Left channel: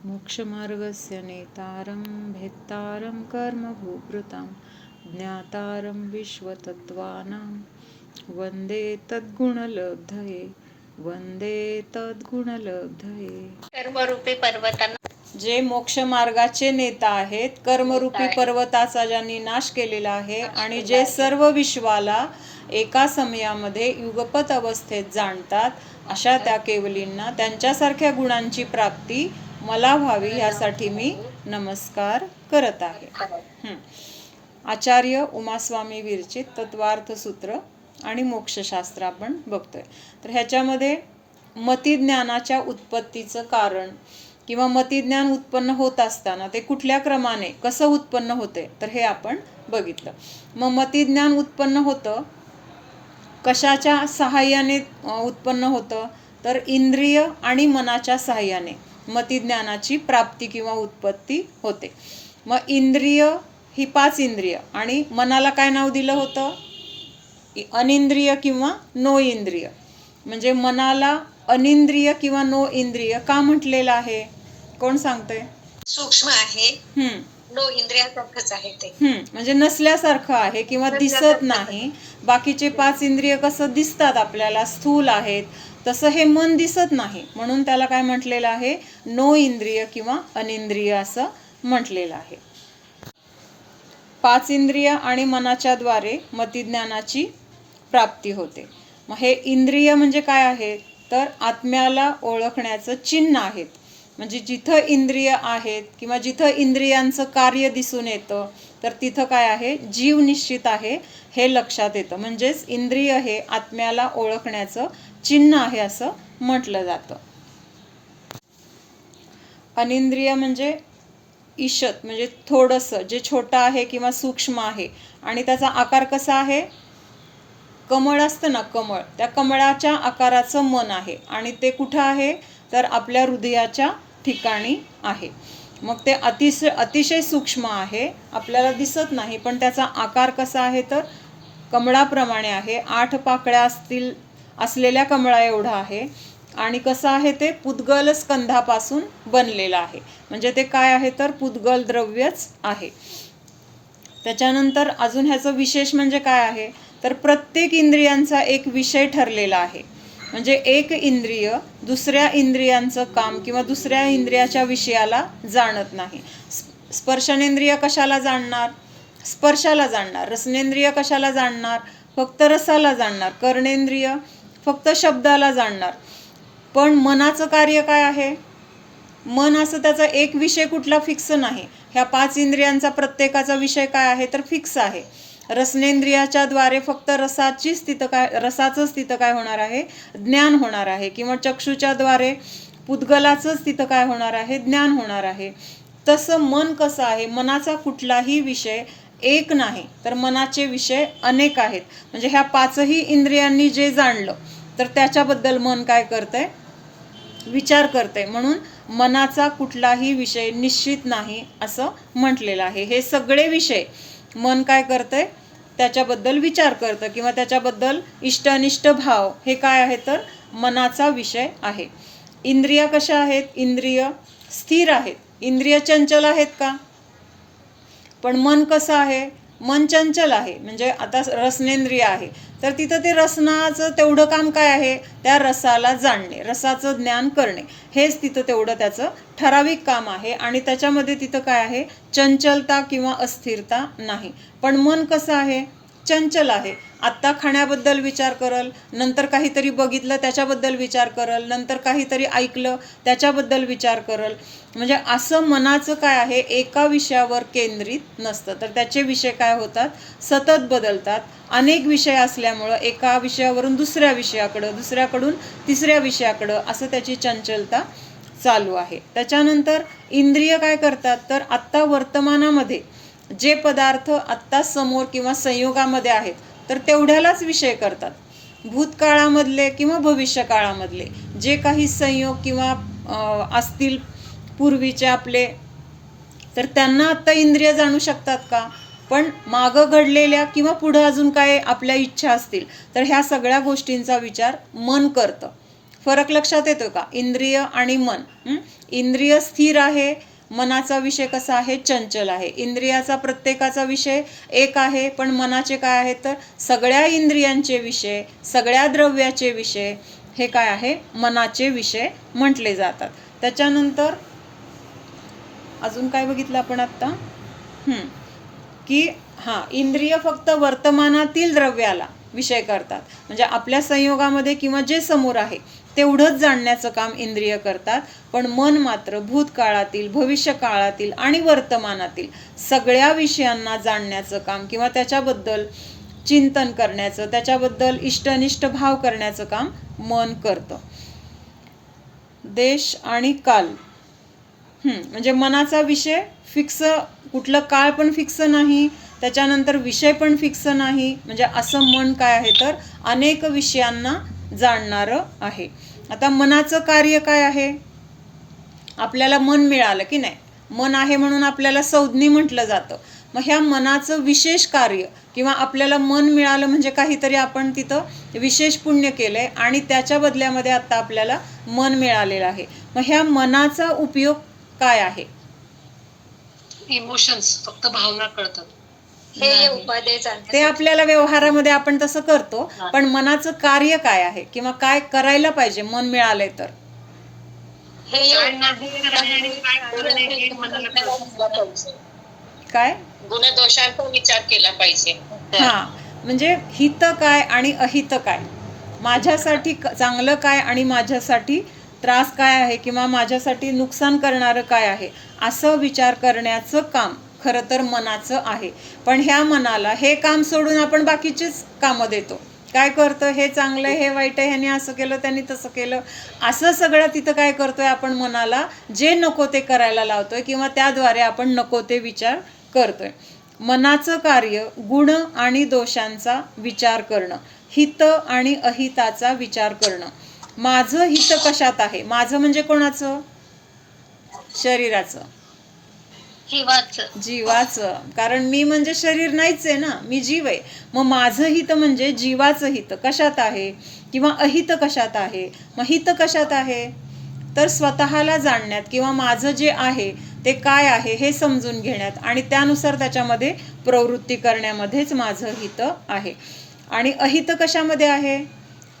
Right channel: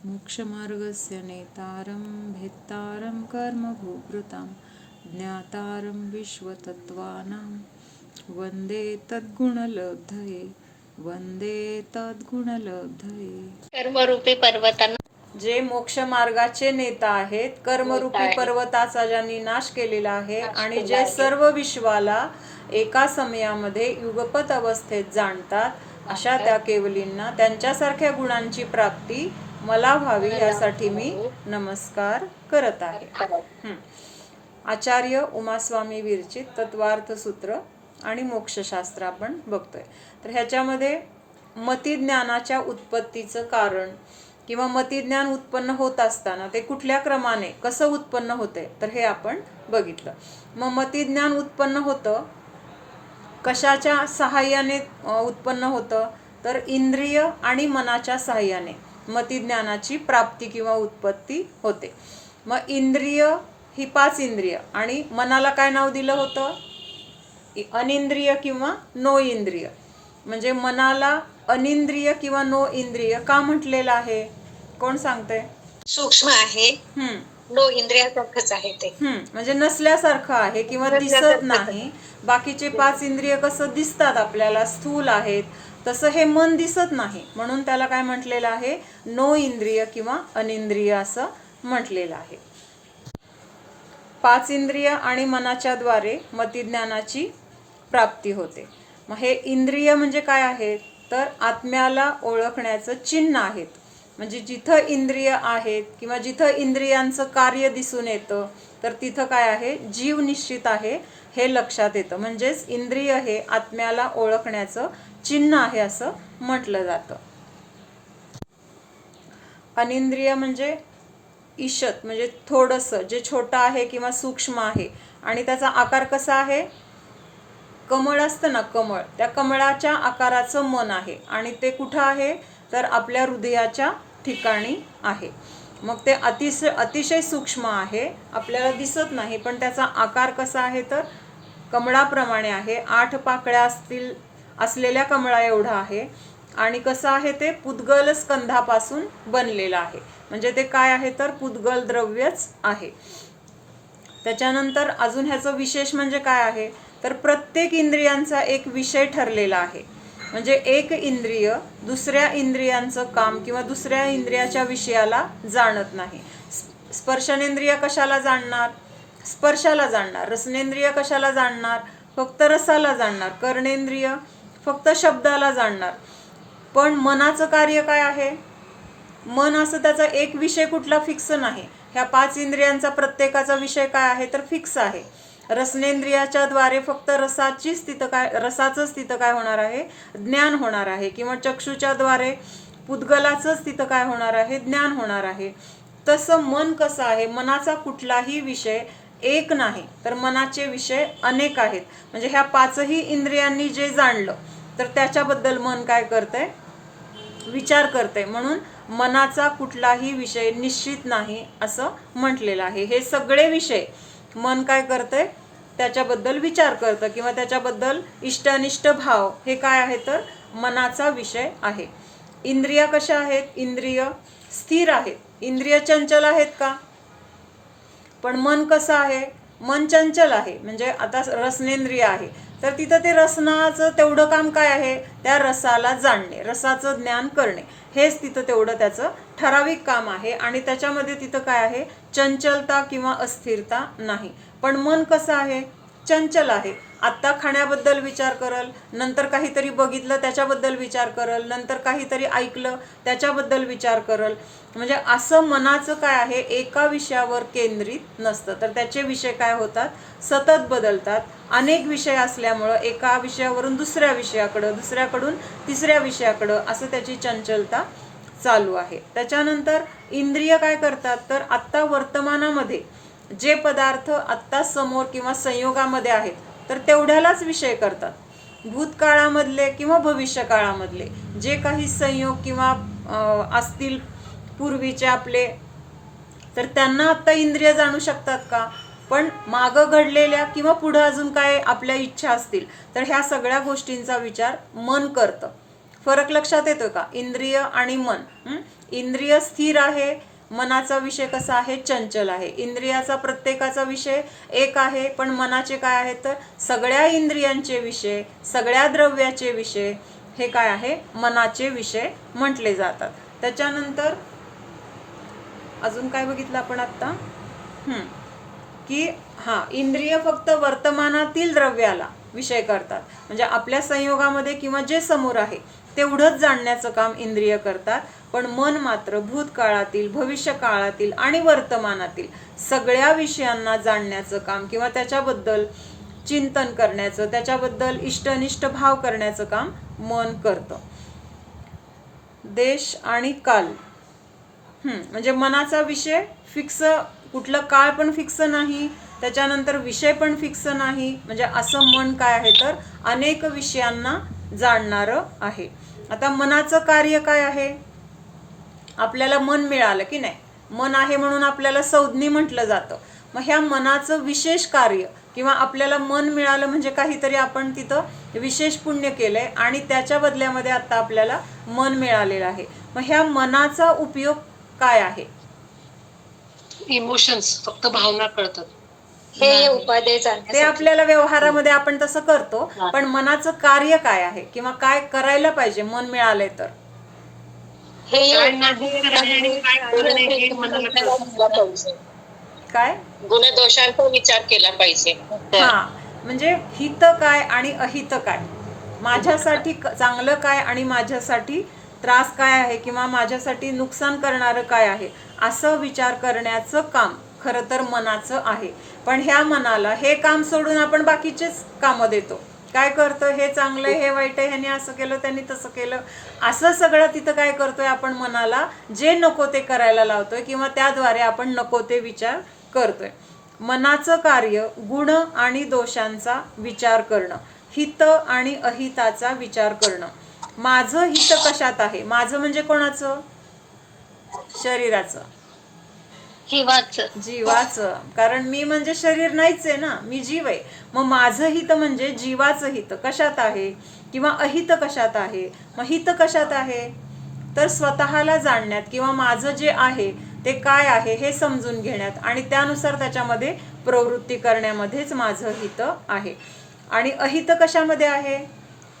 मोक्षमार्गस्य नेतारं भेत्तारं कर्मभूभृतां ज्ञातारं विश्वतत्त्वानां वन्दे तद्गुणलब्धये वन्दे तद्गुणलब्धये। कर्मरूपी पर्वतांना जे मोक्षमार्गाचे नेता आहेत, कर्मरूपी पर्वताचा ज्यांनी नाश केलेला आहे आणि जे सर्व विश्वाला एका समयामध्ये युगपत अवस्थेत जाणतात, अशा त्या केवलींना त्यांच्यासारख्या गुणांची प्राप्ती मला व्हावी यासाठी मी नमस्कार करत आहे. आचार्य उमास्वामी विरचित तत्वार्थ सूत्र आणि मोक्षशास्त्र आपण बघतोय. तर ह्याच्यामध्ये मतिज्ञानाच्या उत्पत्तीचं कारण किंवा मतिज्ञान उत्पन्न होत असताना ते कुठल्या क्रमाने कसं उत्पन्न होते तर हे आपण बघितलं. मग मतिज्ञान उत्पन्न होतं कशाच्या सहाय्याने उत्पन्न होतं तर इंद्रिय आणि मनाच्या सहाय्याने मतिज्ञानाची प्राप्ती किंवा उत्पत्ती होते. मग इंद्रिय ही 5 इंद्रिय आणि मनाला काय नाव दिलं होतं अनिंद्रिय किंवा नो इंद्रिय. म्हणजे मनाला अनिंद्रिय किंवा नो इंद्रिय का म्हटलेलं आहे कोण सांगते? सूक्ष्म आहे, नो इंद्रियासारखंच आहे ते, म्हणजे नसल्यासारखं आहे किंवा दिसत नाही. बाकीचे 5 इंद्रिय कसं दिसतात आपल्याला, स्थूल आहेत, तसं हे मन दिसत नाही, म्हणून त्याला काय म्हटलेलं आहे नो इंद्रिय किंवा अनिंद्रिय असं म्हटलेलं आहे. 5 इंद्रिय आणि मनाच्या द्वारे मतिज्ञानाची प्राप्ती होते. मग हे इंद्रिय म्हणजे काय आहेत तर आत्म्याला ओळखण्याचं चिन्ह आहेत. म्हणजे जिथं इंद्रिय आहेत किंवा जिथं इंद्रियांचं कार्य दिसून येतं तर तिथं काय आहे जीव निश्चित आहे हे लक्षात येतं. म्हणजेच इंद्रिय हे आत्म्याला ओळखण्याचं चिन्ह आहे असं म्हटलं जातं. अनिंद्रिय म्हणजे ईशत म्हणजे थोडंसं जे छोटं आहे किंवा सूक्ष्म आहे आणि त्याचा आकार कसा आहे, कमळ असतं ना कमळ, त्या कमळाच्या आकाराचं मन आहे आणि ते कुठं आहे तर आपल्या हृदयाच्या ठिकाणी आहे. मग ते अतिशय सूक्ष्म आहे, आपल्याला दिसत नाही, पण त्याचा आकार कसा आहे तर कमळाप्रमाणे आहे. 8 पाकळ्या असलेल्या कमळा एवढा आहे आणि कसं आहे ते पुद्गल स्कंधापासून बनलेलं आहे. म्हणजे ते काय आहे तर पुद्गल द्रव्यच आहे. त्याच्यानंतर अजून ह्याचं विशेष म्हणजे काय आहे तर प्रत्येक इंद्रियांचा एक विषय ठरलेला आहे. म्हणजे एक इंद्रिय दुसऱ्या इंद्रियांचं काम किंवा दुसऱ्या इंद्रियाच्या विषयाला जाणत नाही. स्पर्शनेंद्रिय कशाला जाणणार, स्पर्शाला जाणणार. रसनेंद्रिय कशाला जाणणार, फक्त रसाला जाणणार. कर्णेंद्रिय फक्त शब्दाला जाणणार. पण मनाचं कार्य काय आहे, मन असं त्याचा एक विषय कुठला फिक्स नाही. ह्या 5 इंद्रियांचा प्रत्येकाचा विषय काय आहे तर फिक्स आहे. रसनेंद्रियाच्या द्वारे फक्त रसाचंच तिथं काय होणार आहे ज्ञान होणार आहे किंवा चक्षुच्या द्वारे पुद्गलाचंच तिथं काय होणार आहे ज्ञान होणार आहे. तसं मन कसं आहे, मनाचा कुठलाही विषय एक नाही तर मनाचे विषय अनेक आहेत. म्हणजे ह्या 5ही इंद्रियांनी जे जाणलं तर त्याच्याबद्दल मन काय करतंय विचार करते. म्हणून मनाचा कुठलाही विषय निश्चित नाही असं म्हटलेलं आहे. हे सगळे विषय मन काय करते त्याच्याबद्दल विचार करतं किंवा त्याच्याबद्दल इष्टानिष्ट भाव हे काय आहे तर मनाचा विषय आहे. इंद्रिया कशा आहेत, इंद्रिय स्थिर आहेत. इंद्रिय चंचल आहेत का, पण मन कसं आहे, मन चंचल आहे. म्हणजे आता रसनेंद्रिय आहे तर तिथं ते रसनाचं तेवढं काम काय आहे त्या रसाला जाणणे, रसाचं ज्ञान करणे, हेच तिथं तेवढं त्याचं ठराविक काम आहे. आणि त्याच्यामध्ये तिथं काय आहे चंचलता किंवा अस्थिरता नाही. पण मन कसं आहे चंचल आहे. आत्ता खाण्याबद्दल विचार करल, नंतर काहीतरी बघितलं त्याच्याबद्दल विचार करल, नंतर काहीतरी ऐकलं त्याच्याबद्दल विचार करल. म्हणजे असं मनाचं काय आहे एका विषयावर केंद्रित नसतं तर त्याचे विषय काय होतात सतत बदलतात. अनेक विषय असल्यामुळं एका विषयावरून दुसऱ्या विषयाकडं, दुसऱ्याकडून तिसऱ्या विषयाकडं असं त्याची चंचलता चालू आहे. त्याच्यानंतर इंद्रिय काय करतात तर आत्ता वर्तमानामध्ये जे पदार्थ आत्ता समोर किंवा संयोगामध्ये आहेत तर तेवढ्यालाच विषय करतात. भूतकाळामधले किंवा भविष्यकाळामधले जे काही संयोग किंवा असतील पूर्वीचे आपले तर त्यांना आत्ता इंद्रिय जाणू शकतात का, पण मागं घडलेल्या किंवा पुढं अजून काय आपल्या इच्छा असतील तर ह्या सगळ्या गोष्टींचा विचार मन करतं. फरक लक्षात येतोय का? इंद्रिय आणि मन. इंद्रिय स्थिर आहे, मनाचा विषय कसा आहे? चंचल आहे. इंद्रियाचा प्रत्येकाचा विषय एक आहे, पण मनाचे काय आहेत? तर सगळ्या इंद्रियांचे विषय, सगळ्या द्रव्याचे विषय हे काय आहे? मनाचे विषय म्हटले जातात. त्याच्यानंतर अजून काय बघितलं आपण आत्ता? की इंद्रिय फक्त वर्तमानातील द्रव्याला विषय करतात, म्हणजे आपल्या संयोगामध्ये किंवा जे समोर आहे तेवढंच जाणण्याचं काम इंद्रिय करतात. पण मन मात्र भूतकाळातील, भविष्यकाळातील आणि वर्तमानातील सगळ्या विषयांना जाणण्याचं काम किंवा त्याच्याबद्दल चिंतन करण्याचं, त्याच्याबद्दल इष्टनिष्ठ भाव करण्याचं काम मन करतं. देश आणि काल, म्हणजे मनाचा विषय फिक्स, कुठलं काळ पण फिक्स नाही, त्याच्यानंतर विषय पण फिक्स नाही. म्हणजे असं मन काय आहे? तर अनेक विषयांना जाणणारं आहे. आता मनाचं कार्य काय आहे? आपल्याला मन मिळालं की नाही, मन आहे म्हणून आपल्याला संज्ञी म्हटलं जातं. मग ह्या मनाचं विशेष कार्य किंवा आपल्याला मन मिळालं म्हणजे काहीतरी आपण तिथं विशेष पुण्य केलंय आणि त्याच्या बदल्यामध्ये आता आपल्याला मन मिळालेलं आहे. मग ह्या मनाचा उपयोग काय आहे? इमोशन्स, फक्त भावना कळतात. ते आपल्याला व्यवहारामध्ये आपण तसं करतो, पण मनाचं कार्य काय आहे किंवा काय करायला पाहिजे मन मिळाले तर? काय गुणदोषांचा विचार केला पाहिजे. म्हणजे हित काय आणि अहित काय, माझ्यासाठी चांगलं काय आणि माझ्यासाठी त्रास काय आहे किंवा माझ्यासाठी नुकसान करणारं काय आहे, असं विचार करण्याचं काम खरं तर मनाचं आहे. पण ह्या मनाला हे काम सोडून आपण बाकीचेच कामं देतो. काय करतो? हे चांगलं आहे, हे वाईट आहे, ह्याने असं केलं, त्यांनी तसं केलं, असं सगळं तिथं काय करतोय आपण? मनाला जे नको ते करायला लावतोय किंवा त्याद्वारे आपण नको ते विचार करतोय. मनाचं कार्य गुण आणि दोषांचा विचार करणं, हित आणि अहिताचा विचार करणं. माझं हित कशात आहे? माझं म्हणजे कोणाचं? शरीराचं, जीवाचं. कारण मी म्हणजे शरीर नाहीच आहे ना, मी जीव आहे. मग माझं हित म्हणजे जीवाचं हित कशात आहे किंवा अहित कशात आहे? मग हित कशात आहे? तर स्वतःला जाणण्यात किंवा माझं जे आहे ते काय आहे हे समजून घेण्यात आणि त्यानुसार त्याच्यामध्ये प्रवृत्ती करण्यामध्येच माझं हित आहे. आणि अहित कशामध्ये आहे?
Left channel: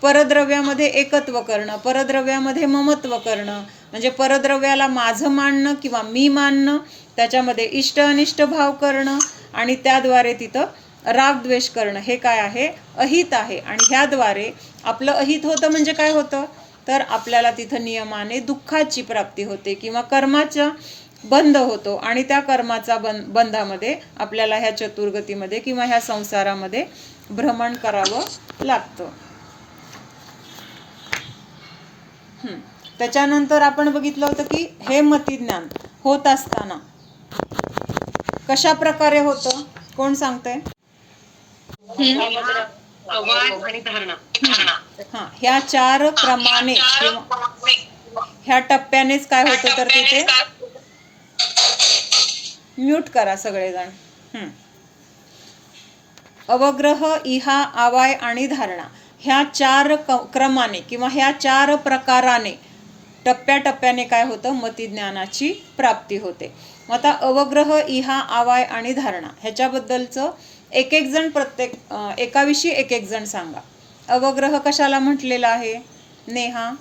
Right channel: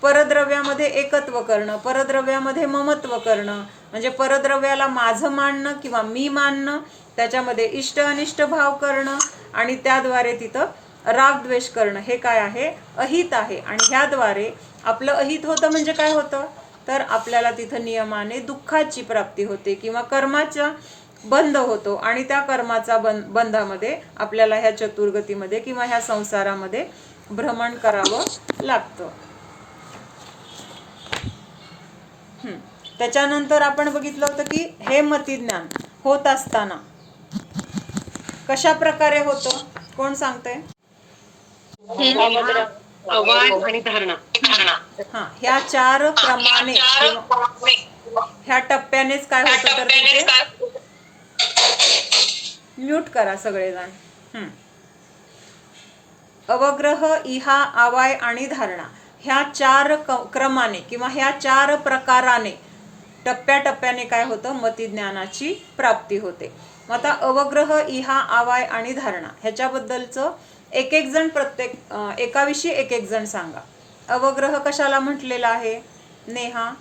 परद्रव्यामध्ये एकत्व करणं, परद्रव्यामध्ये ममत्व करणं, म्हणजे परद्रव्याला माझं मानणं किंवा मी मानणं, त्याच्यामध्ये इष्ट अनिष्ट भाव करणं आणि त्याद्वारे तिथं रागद्वेष करणं, हे काय आहे? अहित आहे. आणि ह्याद्वारे आपलं अहित होतं म्हणजे काय होतं? तर आपल्याला तिथं नियमाने दुःखाची प्राप्ती होते किंवा कर्माचा बंध होतो आणि त्या कर्माचा बंधामध्ये आपल्याला ह्या चतुर्गतीमध्ये किंवा ह्या संसारामध्ये भ्रमण करावं लागतं. त्याच्यानंतर आपण बघितलं होतं की हे मतिज्ञान होत असताना कशा प्रकारे होतं? कोण सांगतंय? ह्या 4 क्रमाने किंवा ह्या टप्प्यानेच काय होतं? तर तिथे म्यूट करा सगळेजण. अवग्रह, इहा, आवाय आणि धारणा ह्या 4 क्रमाने किंवा ह्या 4 प्रकाराने टप्प्याटप्प्याने काय होतं? मतिज्ञानाची प्राप्ती होते. मग आता अवग्रह, इहा, आवाय आणि धारणा ह्याच्याबद्दलचं एक एक जण प्रत्येक एकाविषयी एक एक जण सांगा. अवग्रह कशाला म्हटलेला आहे नेहा?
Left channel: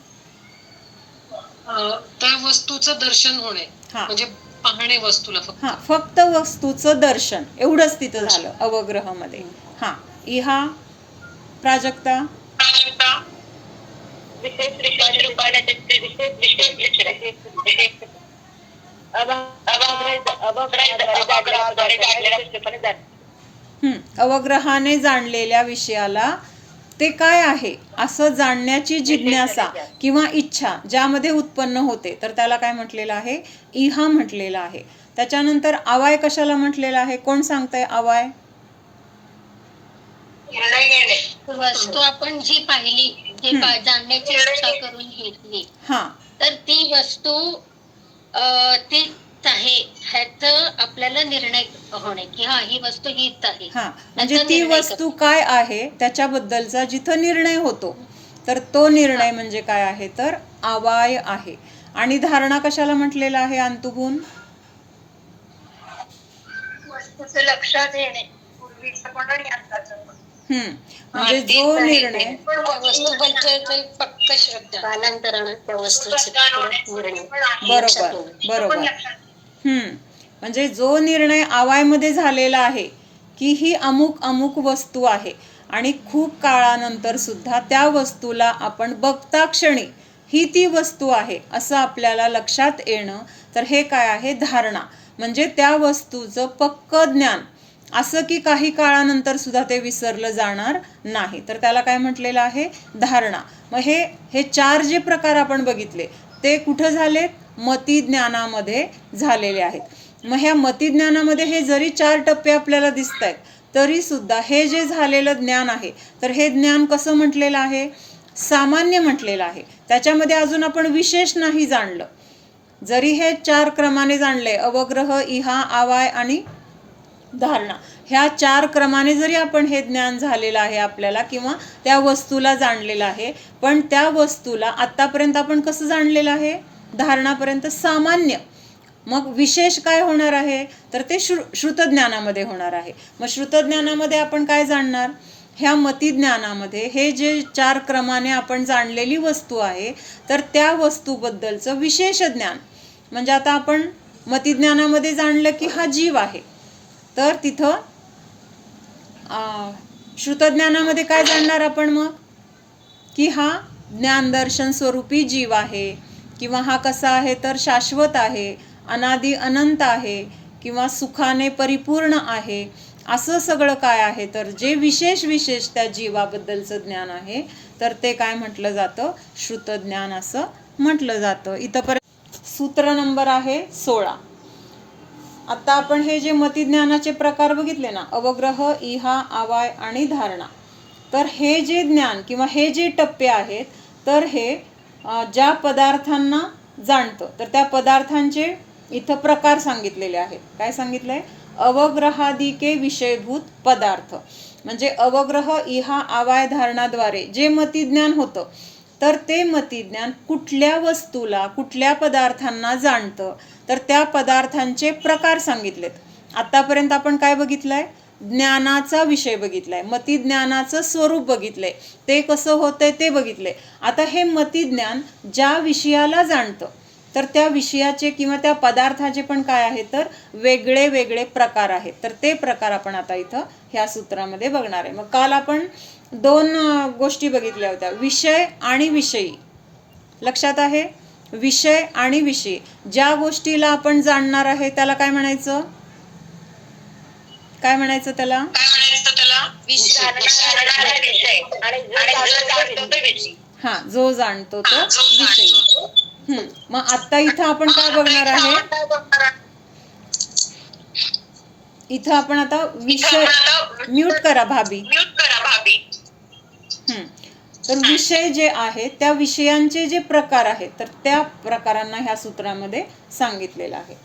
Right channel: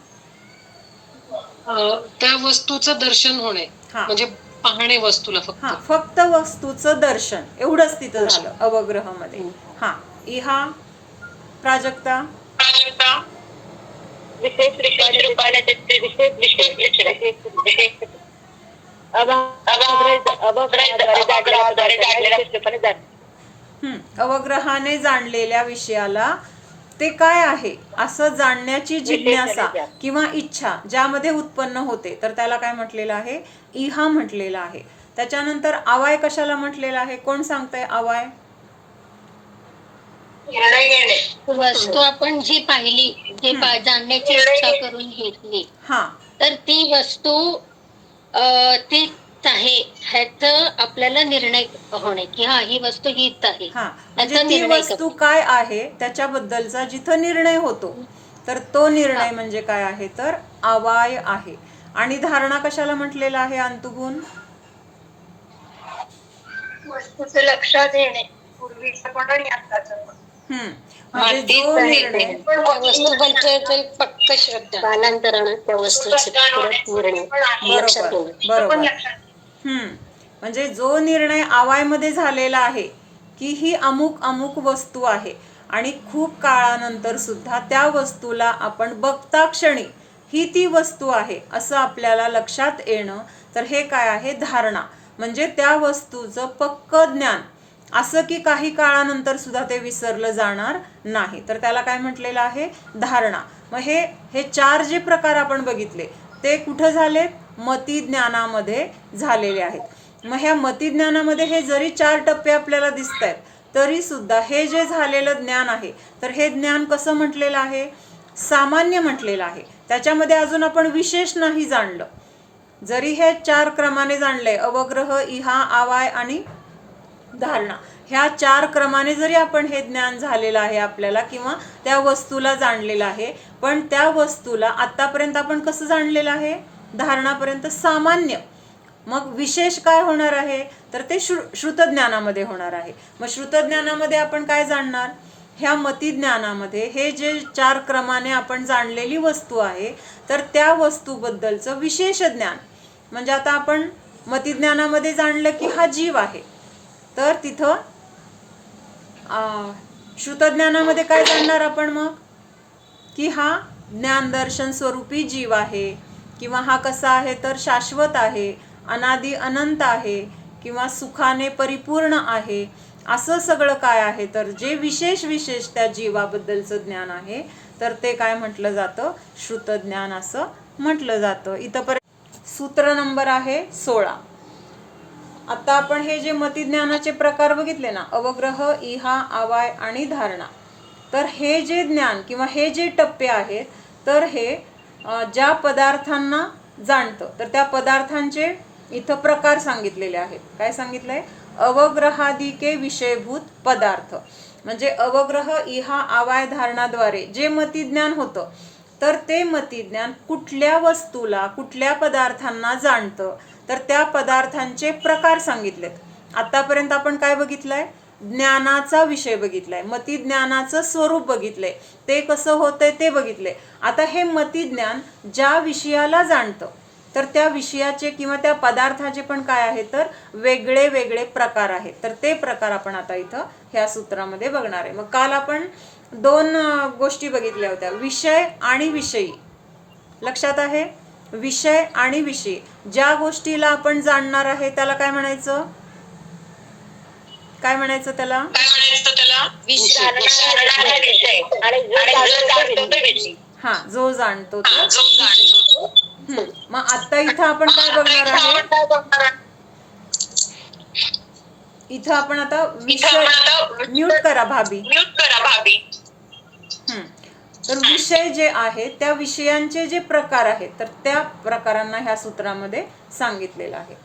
त्या वस्तूचं दर्शन होणे, म्हणजे पाहणे वस्तूला, फक्त वस्तूचं दर्शन एवढंच तिथं झालं अवग्रह मध्ये. इहा प्राजक्ता? अवग्रहाने जाणलेल्या विषयाला ते काय आहे असं जाणण्याची जिज्ञासा किंवा इच्छा ज्यामध्ये उत्पन्न होते तर त्याला काय म्हटलेलं आहे? इहा म्हटलेलं आहे. त्याच्यानंतर आवाय कशाला म्हटलेला आहे? कोण सांगतंय आवाय? वस्तू आपण जी पाहिली, जी जाणण्याची इच्छा करून घेतली, तर ती वस्तू तीच आहे ह्याचं आपल्याला निर्णय होणे की ही वस्तू हीच आहे. म्हणजे ती वस्तू काय आहे त्याच्याबद्दलचा जिथं निर्णय होतो तर तो निर्णय म्हणजे काय आहे तर आवाय आहे. आणि धारणा कशाला म्हटलेला आहे अंतुगुण? वस्तूचं लक्षात येणे, पूर्वीचं पण आणि आताचं पण. म्हणजे जो निर्णय वस्तूबद्दल पक्क श्रद्धा, कालांतरानं त्या वस्तूचे बरोबर बरोबर म्हणजे जो निर्णय आवायमध्ये झालेला आहे की ही अमुक अमुक वस्तू आहे आणि खूप काळानंतर सुद्धा त्या वस्तूला आपण बघता क्षणी ही ती वस्तू आहे असं आपल्याला लक्षात येणं, तर हे काय आहे धारणा. म्हणजे त्या वस्तूचं पक्क ज्ञान, असं की काही काळानंतर सुद्धा ते विसरलं जाणार नाही, तर त्याला काय म्हटलेलं आहे धारणा. मग हे 4 जे प्रकार आपण बघितले ते कुठं झालेत? मतिज्ञानामध्ये झालेले आहेत. मग ह्या मतिज्ञानामध्ये हे जरी 4 टप्पे आपल्याला दिसत आहेत तरी सुद्धा हे जे झालेलं ज्ञान आहे तर हे ज्ञान कसं म्हटलेलं आहे? सामान्य म्हटलेलं आहे. त्याच्यामध्ये अजून आपण विशेष नाही जाणलं. जरी हे 4 क्रमाने जाणले, अवग्रह, इहा, आवाय आणि धारणा, ह्या 4 क्रमाने जरी आपण हे ज्ञान झालेलं आहे आपल्याला किंवा त्या वस्तूला जाणलेलं आहे, पण त्या वस्तूला आतापर्यंत आपण कसं जाणलेलं आहे? धारणापर्यंत सामान्य. मग विशेष काय होणार आहे तर ते श्रुतज्ञानामध्ये होणार आहे. मग श्रुतज्ञानामध्ये आपण काय जाणणार? ह्या मतिज्ञानामध्ये हे जे 4 क्रमाने आपण जाणलेली वस्तू आहे तर त्या वस्तूबद्दलचं विशेष ज्ञान. म्हणजे आता आपण मतिज्ञानामध्ये जाणलं की हा जीव आहे, तर तिथं श्रुतज्ञानामध्ये काय जाणणार आपण मग? की हा ज्ञानदर्शन स्वरूपी जीव आहे, किंवा हा कसा आहे तर शाश्वत आहे, अनादि अनंत आहे, किंवा सुखाने परिपूर्ण आहे. असं सगळं काय आहे तर जे विशेष त्या जीवाबद्दलचं ज्ञान आहे तर ते काय म्हटलं जातं? श्रुतज्ञान असं म्हटलं जातं. इथंपर्यंत सूत्र नंबर आहे 16. आता आपण हे जे मतिज्ञानाचे प्रकार बघितले ना, अवग्रह, इहा, आवाय आणि धारणा, तर हे जे ज्ञान किंवा हे जे टप्पे आहेत तर हे ज्या पदार्थांना जाणतं तर त्या पदार्थांचे इथं प्रकार सांगितलेले आहेत. काय सांगितलंय? अवग्रहादिके विषयभूत पदार्थ. म्हणजे अवग्रह, इहा, आवाय, धारणाद्वारे जे मतिज्ञान होतं तर ते मतिज्ञान कुठल्या वस्तूला, कुठल्या पदार्थांना जाणतं तर त्या पदार्थांचे प्रकार सांगितलेत. आतापर्यंत आपण काय बघितलंय? ज्ञानाचा विषय बघितलाय, मतिज्ञानाचं स्वरूप बघितलंय, ते कसं होतंय ते बघितले. आता हे मतिज्ञान ज्या विषयाला जाणतं तर त्या विषयाचे किंवा त्या पदार्थाचे पण काय आहे तर वेगळे प्रकार आहेत. तर ते प्रकार आपण आता इथं ह्या सूत्रामध्ये बघणार आहे. मग काल आपण 2 गोष्टी बघितल्या होत्या, विषय आणि विषयी. लक्षात आहे? विषय आणि विषयी. ज्या गोष्टीला आपण जाणणार आहे त्याला काय म्हणायचं? काय म्हणायचं त्याला? हा, जो जाणतो तो विषय. मग आता इथं आपण काय बघणार आहे? इथं आपण आता विषय, म्यूट करा भाभी. तर विषय जे आहेत त्या विषयांचे जे प्रकार आहेत तर त्या प्रकारांना ह्या सूत्रामध्ये सांगितलेलं आहे.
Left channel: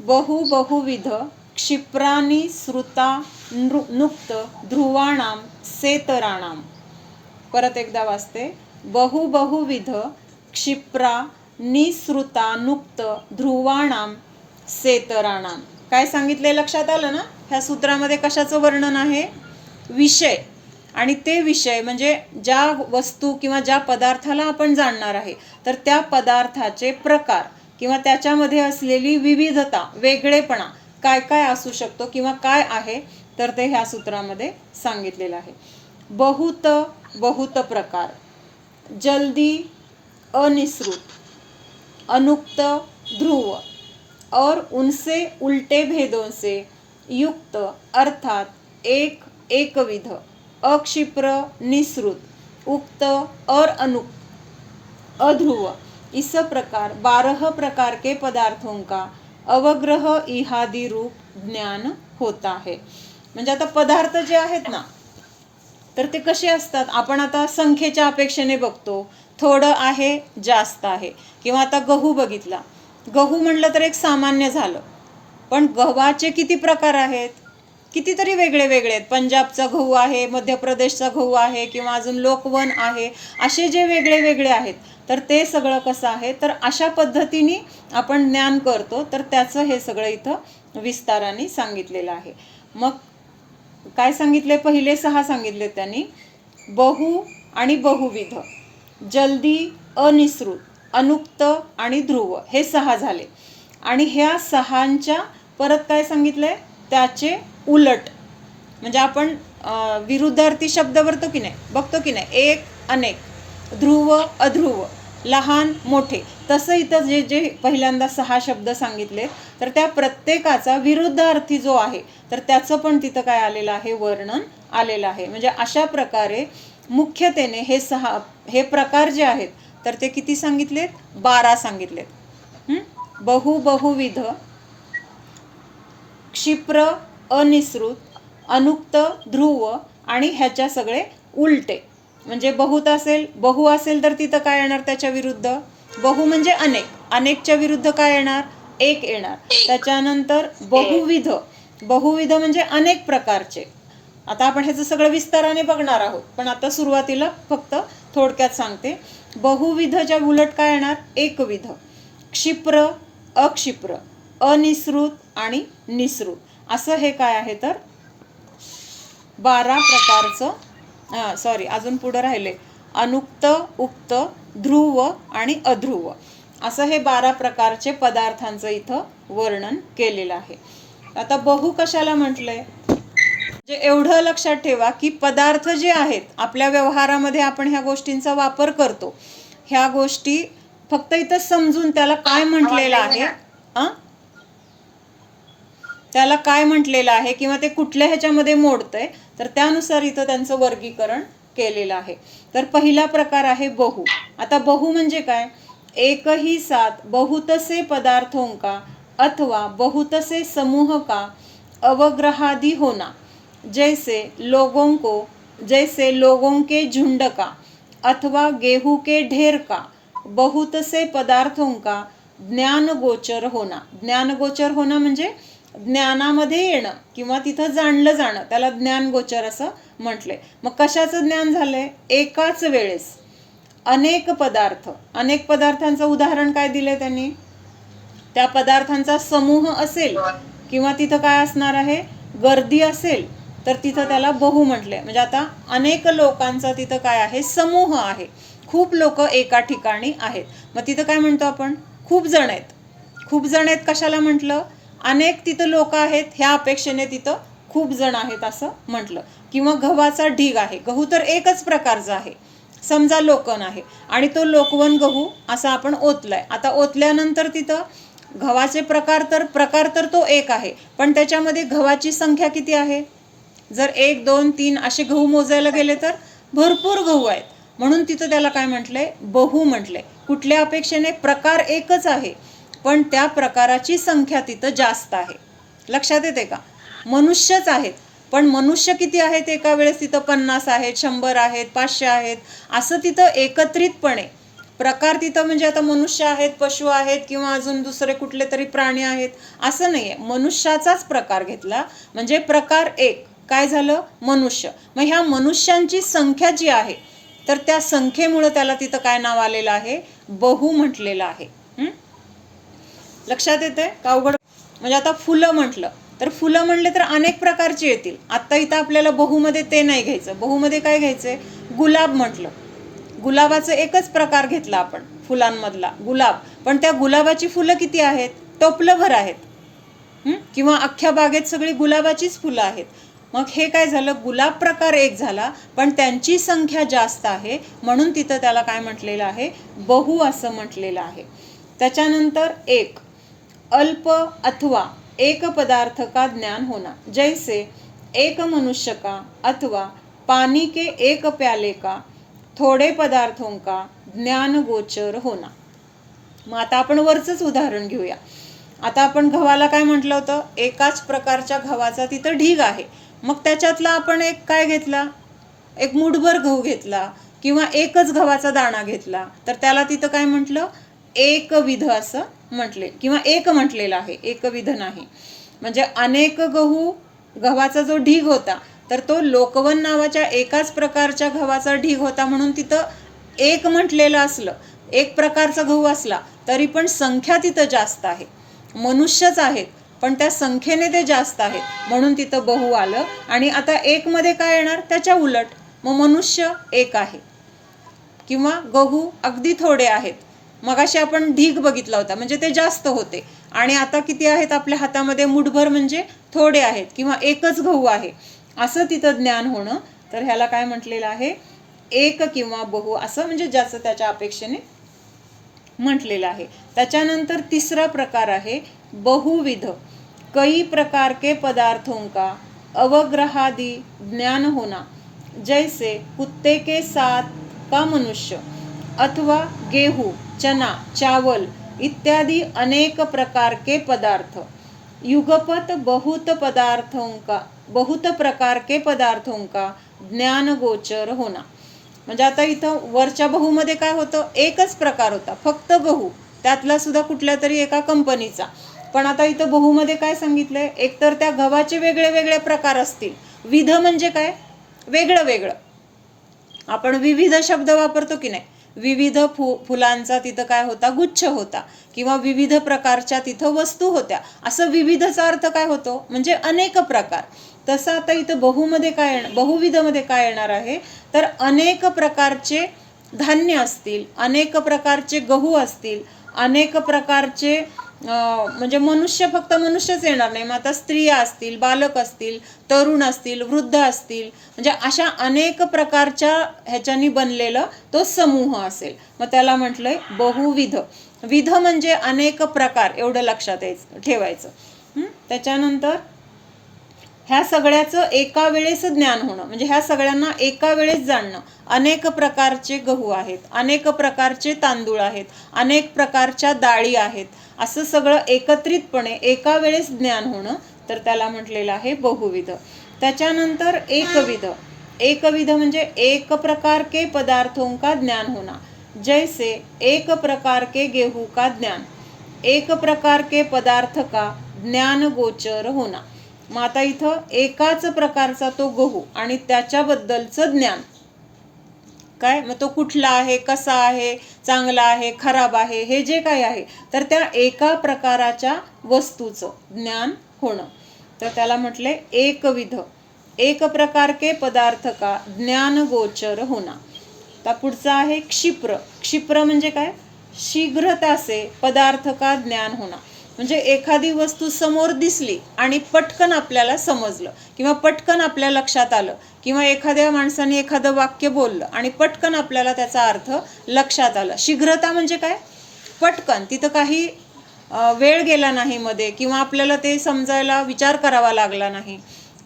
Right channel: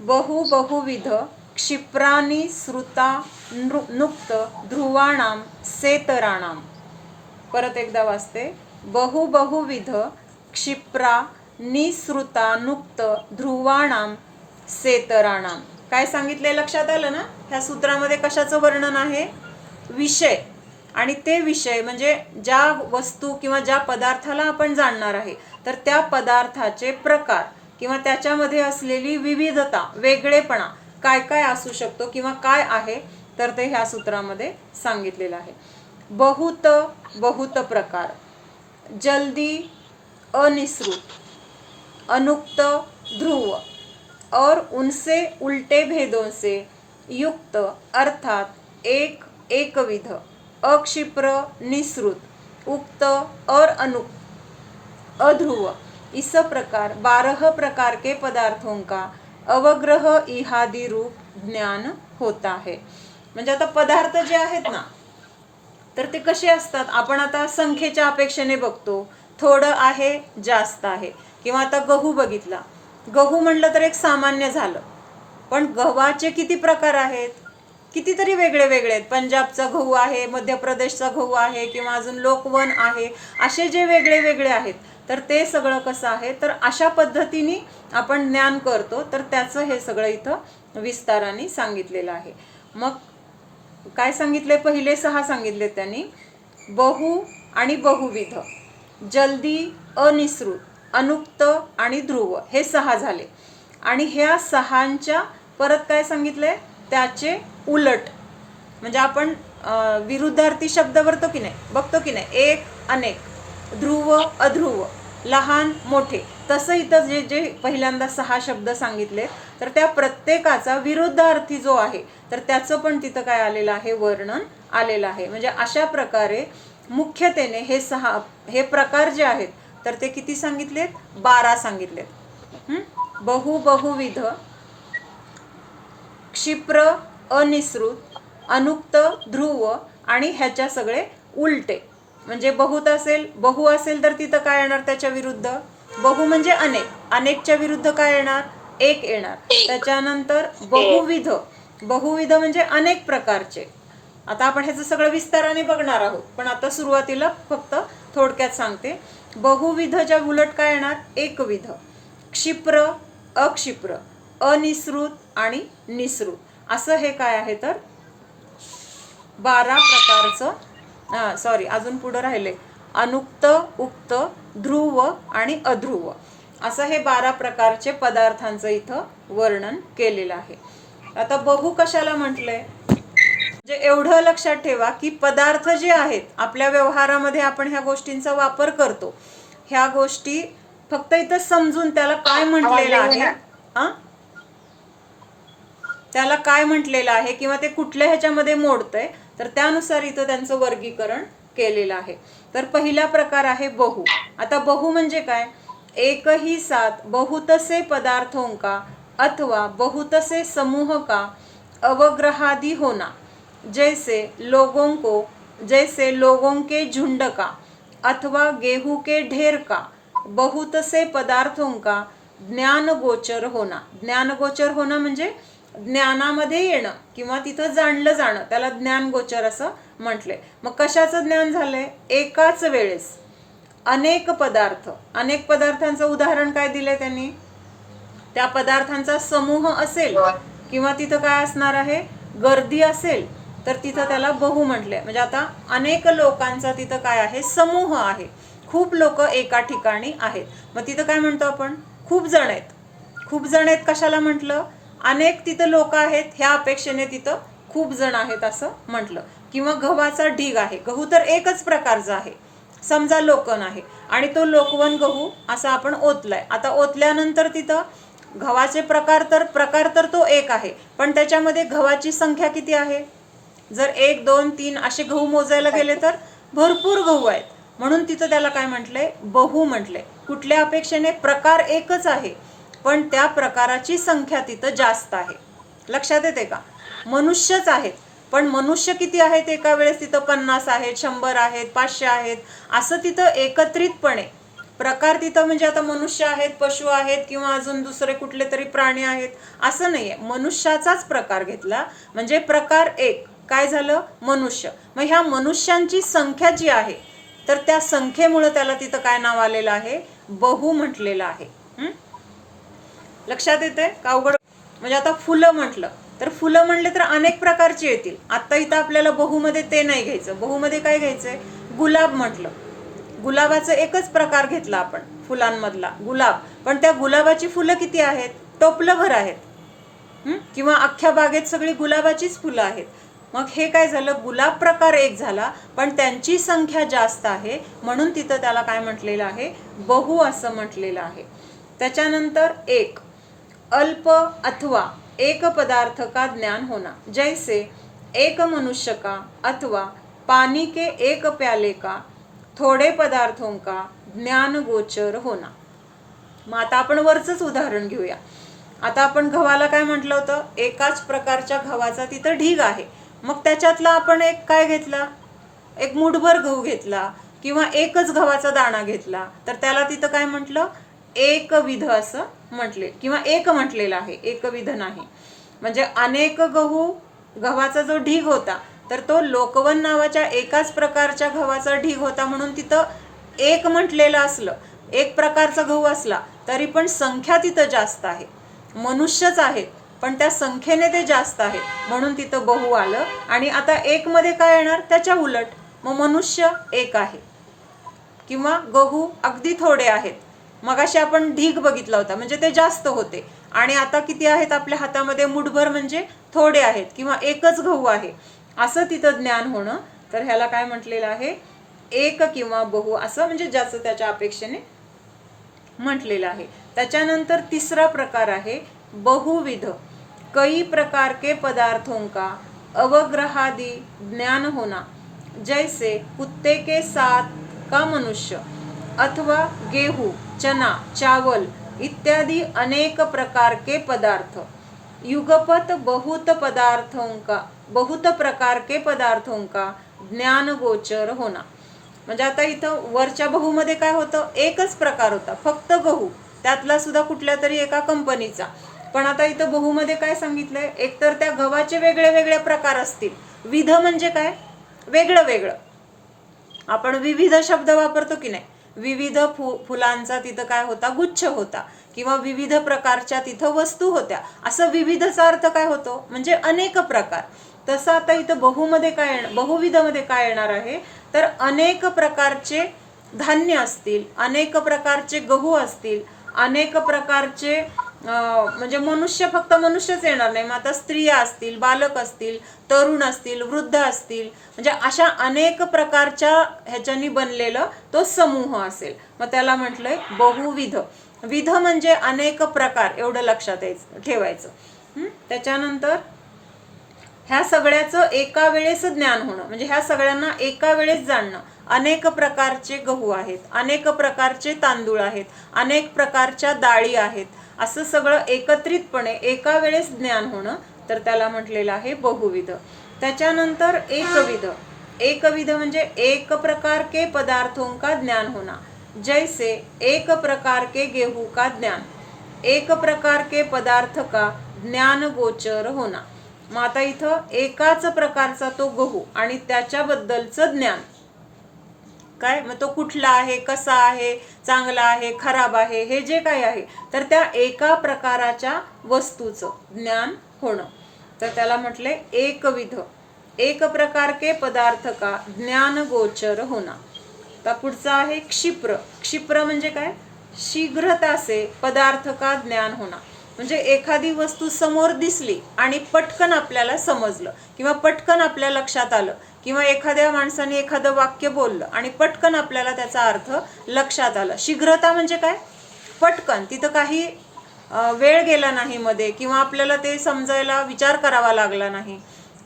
बहुविध क्षिप्राणी श्रुता नुक्त ध्रुवाणाम सेतराणाम. परत एकदा वाचते. बहुविध क्षिप्रा निश्रुता नुक्त ध्रुवाणाम सेतराणाम. काय सांगितले? लक्षात आलं ना? ह्या सूत्रामध्ये कशाचं वर्णन आहे? विषय. आणि ते विषय म्हणजे ज्या वस्तू किंवा ज्या पदार्थाला आपण जाणणार आहे तर त्या पदार्थाचे प्रकार किंवा त्याच्यामध्ये असलेली विविधता, वेगळेपणा काय काय असू शकतो किंवा काय आहे तर ते ह्या सूत्रामध्ये सांगितलेलं आहे. बहुत प्रकार, जल्दी अनिश्रुत, अनुक्त ध्रुव और उनसे उल्टे भेदों से युक्त अर्थात एकविध, अक्षिप्र, निश्रुत, उक्त और अनुक्त, अध्रुव, इस प्रकार 12 प्रकार के पदार्थों का अवग्रह इहादि रूप ज्ञान होता है. म्हणजे आता पदार्थ जे आहेत ना तर ते कसे असतात? आपण आता संख्येच्या अपेक्षेने बघतो, थोडं आहे, जास्त आहे. किंवा आता गहू बघितला, गहू म्हणलं तर एक सामान्य झालं, पण गव्हाचे किती प्रकार आहेत? कितीतरी वेगळे वेगळे आहेत. पंजाबचा गहू आहे, मध्य प्रदेशचा गहू आहे, किंवा अजून लोकवन आहे, असे जे वेगळे वेगळे आहेत, तर ते सगळं कसं आहे, तर अशा पद्धतीने आपण ज्ञान करतो. तर त्याचं हे सगळं इथं विस्ताराने सांगितलेलं आहे. मग काय सांगितले, पहिले 6 सांगितले त्यांनी, बहु आणि बहुविध, जल्दी, अनिश्रुत, अनुक्त आणि ध्रुव, हे 6 झाले. आणि ह्या 6च्या परत काय सांगितलंय, त्याचे उलट, म्हणजे आपण विरुद्धार्थी शब्द बघतो की नाही, एक, अनेक, ध्रुव, अध्रुव, लहान, मोठे, तसं इथं जे जे पहिल्यांदा 6 शब्द सांगितले, तर त्या प्रत्येकाचा विरुद्धार्थी जो आहे, तर त्याचं पण तिथं काय आलेलं आहे, वर्णन आलेलं आहे. म्हणजे अशा प्रकारे मुख्यतेने हे प्रकार जे आहेत, तर ते किती सांगितलेत, 12 सांगितलेत. बहु, बहुविध, क्षिप्र, अनिश्रुत, अनुक्त, ध्रुव आणि ह्याच्या सगळे उलटे. म्हणजे बहु असेल तर तिथं काय येणार, त्याच्या विरुद्ध बहु म्हणजे अनेक, अनेकच्या विरुद्ध काय येणार, एक येणार. त्याच्यानंतर बहुविध म्हणजे अनेक प्रकारचे. आता आपण ह्याचं सगळं विस्ताराने बघणार आहोत, पण आता सुरुवातीला फक्त थोडक्यात सांगते. बहुविधच्या उलट काय येणार, एकविध, क्षिप्र, अक्षिप्र, अनिश्रुत आणि निश्रुत, असं हे काय आहे, तर 12 प्रकारचं, अजून पुढं राहिले, अनुक्त, उक्त, ध्रुव आणि अध्रुव, असं हे 12 प्रकारचे पदार्थांचं इथं वर्णन केलेलं आहे. आता बहु कशाला म्हटलंय, म्हणजे एवढं लक्षात ठेवा की पदार्थ जे आहेत आपल्या व्यवहारामध्ये आपण ह्या गोष्टींचा वापर करतो, ह्या गोष्टी फक्त इथं समजून त्याला काय म्हटलेलं आहे, त्याला काय म्हटलेलं आहे किंवा ते कुठल्या ह्याच्यामध्ये मोडतंय, तर त्यानुसार इथं त्यांचं वर्गीकरण केलेलं आहे. तर पहिला प्रकार आहे बहु. आता बहु म्हणजे काय, एक ही साथ बहुत से पदार्थों का अथवा बहुत से समूह का अवग्रहादि होना, जैसे लोगों के झुंड का अथवा गेहूं के ढेर का, बहुत से पदार्थों का ज्ञान गोचर होना. ज्ञान गोचर होणं म्हणजे ज्ञानामध्ये येणं किंवा तिथं जाणलं जाणं, त्याला ज्ञान गोचर असं म्हटलंय. मग कशाचं ज्ञान झालंय, एकाच वेळेस अनेक पदार्थ, अनेक पदार्थांचं उदाहरण काय दिलंय त्यांनी, त्या पदार्थांचा समूह असेल किंवा तिथं काय असणार आहे, गर्दी असेल, तर तिथं त्याला बहु म्हटले. म्हणजे आता अनेक लोकांचा तिथं काय आहे, समूह आहे, खूप लोक एका ठिकाणी आहेत. मग तिथं काय म्हणतो आपण, खूप जण आहेत. खूप जण आहेत कशाला म्हटलं, अनेक तिथं लोक आहेत ह्या अपेक्षेने तिथं खूप जण आहेत असं म्हटलं. किंवा गव्हाचा ढीग आहे, गहू तर एकच प्रकारचा आहे, समजा लोकवन आहे आणि तो लोकवन गहू असा आपण ओतलाय. आता ओतल्यानंतर तिथं गव्हाचे प्रकार तर तो एक आहे, पण त्याच्यामध्ये गव्हाची संख्या किती आहे, जर 1, 2, 3 असे गहू मोजायला गेले तर भरपूर गहू आहेत. म्हणून तिथं त्याला काय म्हटलंय, बहु म्हटलंय. कुठल्या अपेक्षेने, प्रकार एकच आहे पण त्या प्रकाराची संख्या तिथं जास्त आहे. लक्षात येते का, मनुष्यच आहेत पण मनुष्य किती आहेत एका वेळेस, तिथं 50 आहेत, 100 आहेत, 500 आहेत, असं तिथं एकत्रितपणे प्रकार तिथं, म्हणजे आता मनुष्य आहेत, पशु आहेत किंवा अजून दुसरे कुठले तरी प्राणी आहेत असं नाहीये. मनुष्याचाच प्रकार घेतला म्हणजे प्रकार एक, काय झालं, मनुष्य. मग ह्या मनुष्यांची संख्या जी आहे, तर त्या संख्येमुळे त्याला तिथं काय नाव आलेलं आहे, बहु म्हटलेलं आहे. लक्षात येते का अवघड, म्हणजे आता फुलं म्हटलं तर फुलं म्हणले तर अनेक प्रकारची येतील. आता इथं आपल्याला बहुमध्ये ते नाही घ्यायचं, बहुमध्ये काय घ्यायचंय, गुलाब म्हटलं, गुलाबाचं एकच प्रकार घेतला आपण फुलांमधला गुलाब, पण त्या गुलाबाची फुलं किती आहेत, टोपलंभर आहेत, किंवा अख्ख्या बागेत सगळी गुलाबाचीच फुलं आहेत. मग हे काय झालं, गुलाब प्रकार एक झाला पण त्यांची संख्या जास्त आहे, म्हणून तिथं त्याला काय म्हटलेलं आहे, बहु असं म्हटलेलं आहे. त्याच्यानंतर एक, अल्प अथवा एक पदार्थ का ज्ञान होना, जैसे एक मनुष्य का अथवा पानी के एक प्याले का थोडे पदार्थों का ज्ञान गोचर होना. मग आता आपण वरचंच उदाहरण घेऊया. आता आपण गव्हाला काय म्हटलं होतं, एकाच प्रकारच्या गव्हाचा तिथं ढीग आहे, मग त्याच्यातला आपण एक काय घेतला, एक मुठभर गहू घेतला किंवा एकच गव्हाचा दाणा घेतला, तर त्याला तिथं काय म्हटलं, एकविध असं म्हटले किंवा एक म्हटलेलं आहे, एकविध नाही. म्हणजे अनेक गहू गव्हाचा जो ढीग होता तर तो लोकवन नावाच्या एकाच प्रकारच्या गव्हाचा ढीग होता, म्हणून तिथं एक म्हटलेलं असलं, एक प्रकारचा गहू असला तरी पण संख्या तिथं जास्त आहे. मनुष्यच आहेत पण त्या संख्येने ते जास्त आहेत म्हणून तिथं बहु आलं. आणि आता एक मध्ये काय येणार, त्याच्या उलट. मग मनुष्य एक आहे किंवा गहू अगदी थोडे आहेत. मगाशी आपण ढीग बघितला होता म्हणजे ते जास्त होते, आणि आता किती आहेत आपल्या हातामध्ये, मुठभर म्हणजे थोडे आहेत किंवा एकच गहू आहे, असं तिथं ज्ञान होणं. तर ह्याला काय म्हटलेलं आहे, एक किंवा बहु असं, म्हणजे ज्याचं त्याच्या अपेक्षेने म्हटलेलं आहे. त्याच्यानंतर तिसरा प्रकार आहे बहुविध. कई प्रकार के पदार्थों का अवग्रहादि ज्ञान होना, जैसे कुत्ते के साथ का मनुष्य, अथवा गेहूं, चना, चावल इत्यादि अनेक प्रकार के पदार्थ. युगपत बहुत प्रकार के पदार्थों का ज्ञान गोचर होना. म्हणजे आता इथं वरच्या बहुमध्ये काय होतं, एकच प्रकार होता, फक्त गहू, त्यातला सुद्धा कुठल्या तरी एका कंपनीचा. पण आता इथं बहुमध्ये काय सांगितलंय, एकतर त्या गव्हाचे वेगळे वेगळे प्रकार असतील. विध म्हणजे काय, वेगळं वेगळं. आपण विविध शब्द वापरतो की नाही, विविध फुलांचा तिथं काय होता, गुच्छ होता, किंवा विविध प्रकारच्या तिथं वस्तू होत्या, असं विविधचा अर्थ काय होतो, म्हणजे अनेक प्रकार. तसं आता इथं बहुमध्ये काय, बहुविधमध्ये काय येणार आहे, तर अनेक प्रकारचे धान्य असतील, अनेक प्रकारचे गहू असतील, अनेक प्रकारचे म्हणजे मनुष्य, फक्त मनुष्यच येणार नाही, मग आता स्त्रिया असतील, बालक असतील, तरुण असतील, वृद्ध असतील, म्हणजे अशा अनेक प्रकारच्या ह्याच्यानी बनलेलं तो समूह असेल. मग त्याला म्हटलंय बहुविध. विध म्हणजे अनेक प्रकार, एवढं लक्षात ठेवायचं. त्याच्यानंतर ह्या सगळ्याचं एका वेळेस ज्ञान होणं, म्हणजे ह्या सगळ्यांना एका वेळेस जाणणं. अनेक प्रकारचे गहू आहेत, अनेक प्रकारचे तांदूळ आहेत, अनेक प्रकारच्या डाळी आहेत, असं सगळं एकत्रितपणे एका वेळेस ज्ञान होणं, तर त्याला म्हटलेलं आहे बहुविध. त्याच्यानंतर एकविध. एकविध म्हणजे एक प्रकार के पदार्थों का ज्ञान होना, जैसे एक प्रकार के गेहूं का ज्ञान, एक प्रकार के पदार्थ का ज्ञान गोचर होना. मग आता इथं एकाच प्रकारचा तो गहू आणि त्याच्याबद्दलचं ज्ञान काय, मग तो कुठला आहे, कसा आहे, चांगला आहे, खराब आहे, हे जे काही आहे, तर त्या एका प्रकाराच्या वस्तूचं ज्ञान होणं, तर त्याला म्हटलंय एकविध. एक प्रकार के पदार्थ का ज्ञान गोचर होना. आता पुढचा आहे क्षिप्र. क्षिप्र म्हणजे काय, शीघ्रता से पदार्थ का ज्ञान होना, म्हणजे एखादी वस्तू समोर दिसली आणि पटकन आपल्याला समजलं किंवा पटकन आपल्या लक्षात आलं, किंवा एखाद्या माणसाने एखादं वाक्य बोललं आणि पटकन आपल्याला त्याचा अर्थ लक्षात आला. शीघ्रता म्हणजे काय, पटकन, तिथं काही वेळ गेला नाही मध्ये, किंवा आपल्याला ते समजायला विचार करावा लागला नाही.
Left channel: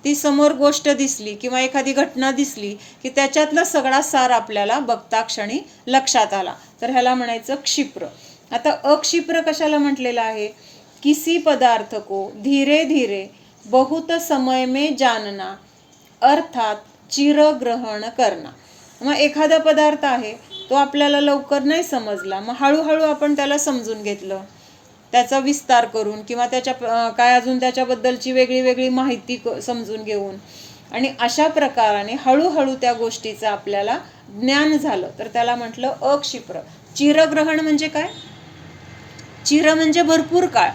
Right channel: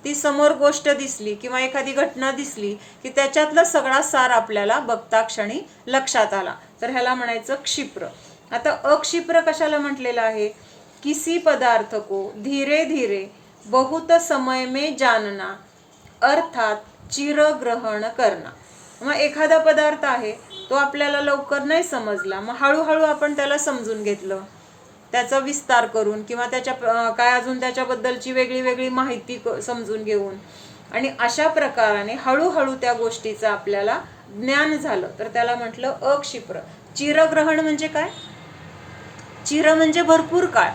ती समोर गोष्ट दिसली किंवा एखादी घटना दिसली की त्याच्यातला सगळा सार आपल्याला बघता क्षणी लक्षात आला, तर ह्याला म्हणायचं क्षिप्र. आता अक्षिप्र कशाला म्हटलेलं आहे, किसी पदार्थ को धीरे धीरे बहुत समय में जानना, अर्थात चिरग्रहण करना. मग एखादा पदार्थ आहे तो आपल्याला लवकर नाही समजला, मग हळूहळू आपण त्याला समजून घेतलं, त्याचा विस्तार करून, किंवा त्याच्या काय अजून त्याच्याबद्दलची वेगळी वेगळी माहिती समजून घेऊन, आणि अशा प्रकाराने हळूहळू त्या गोष्टीचं आपल्याला ज्ञान झालं, तर त्याला म्हटलं अक्षिप्र. चिरग्रहण म्हणजे काय, चिर म्हणजे भरपूर काळ,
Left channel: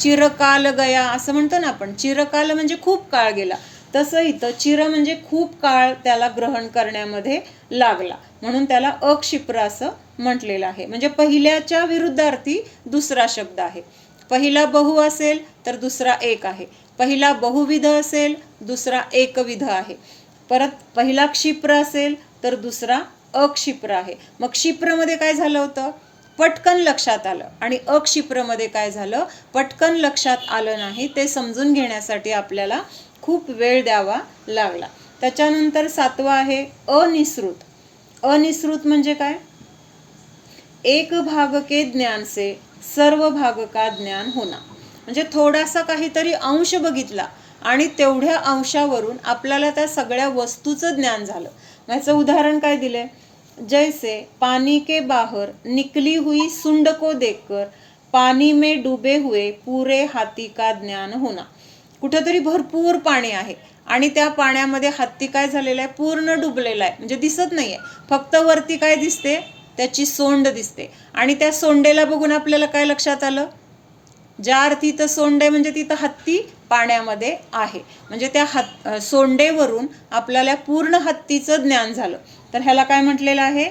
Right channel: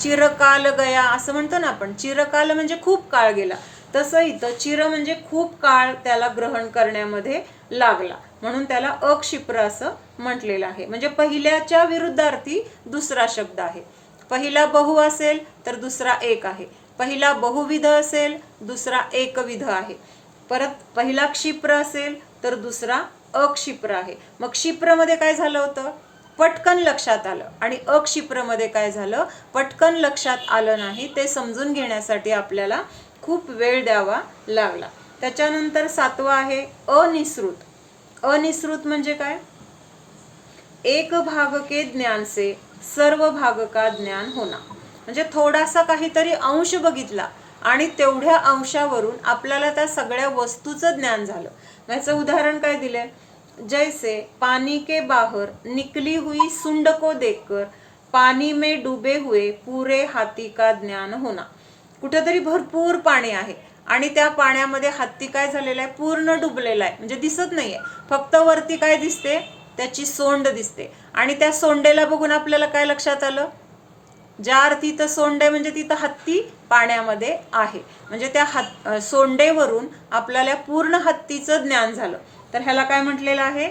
चिरकाल गया असं म्हणतो ना आपण, चिरकाल म्हणजे खूप काळ गेला, तसं इथं चिर म्हणजे खूप काळ त्याला ग्रहण करण्यामध्ये लागला, म्हणून त्याला अक्षिप्र असं म्हटलेलं आहे. म्हणजे पहिल्याच्या विरुद्धार्थी दुसरा शब्द आहे. पहिला बहु असेल तर दुसरा एक आहे, पहिला बहुविध असेल दुसरा एकविध आहे, परत पहिला क्षिप्र असेल तर दुसरा अक्षिप्र आहे. मग क्षिप्रमध्ये काय झालं होतं, पटकन लक्षात आलं, आणि अक्षिप्रमध्ये काय झालं, पटकन लक्षात आलं नाही, ते समजून घेण्यासाठी आपल्याला खूप वेळ द्यावा लागला. त्याच्यानंतर सातवा आहे अनिश्रुत. अनिश्रुत म्हणजे काय, एक भाग के ज्ञान से सर्व भाग का ज्ञान होना, म्हणजे थोडासा काहीतरी अंश बघितला आणि तेवढ्या अंशावरून आपल्याला त्या सगळ्या वस्तूचं ज्ञान झालं. याचं उदाहरण काय दिले, जैसे पानी के बाहर निकली हुई सुंड को देखकर पानी में डूबे हुए पूरे हाथी का ज्ञान होना. कुठेतरी भरपूर पाणी आहे आणि त्या पाण्यामध्ये हत्ती काय झालेला आहे, पूर्ण डुबलेला आहे, म्हणजे दिसत नाहीये, फक्त वरती काय दिसते, त्याची सोंड दिसते. आणि त्या सोंडेला बघून आपल्याला काय लक्षात आलं, ज्या अर्थी इथं सोंड आहे म्हणजे तिथं हत्ती पाण्यामध्ये आहे, म्हणजे त्या सोंडेवरून आपल्याला पूर्ण हत्तीचं ज्ञान झालं. तर ह्याला काय म्हटलेलं आहे,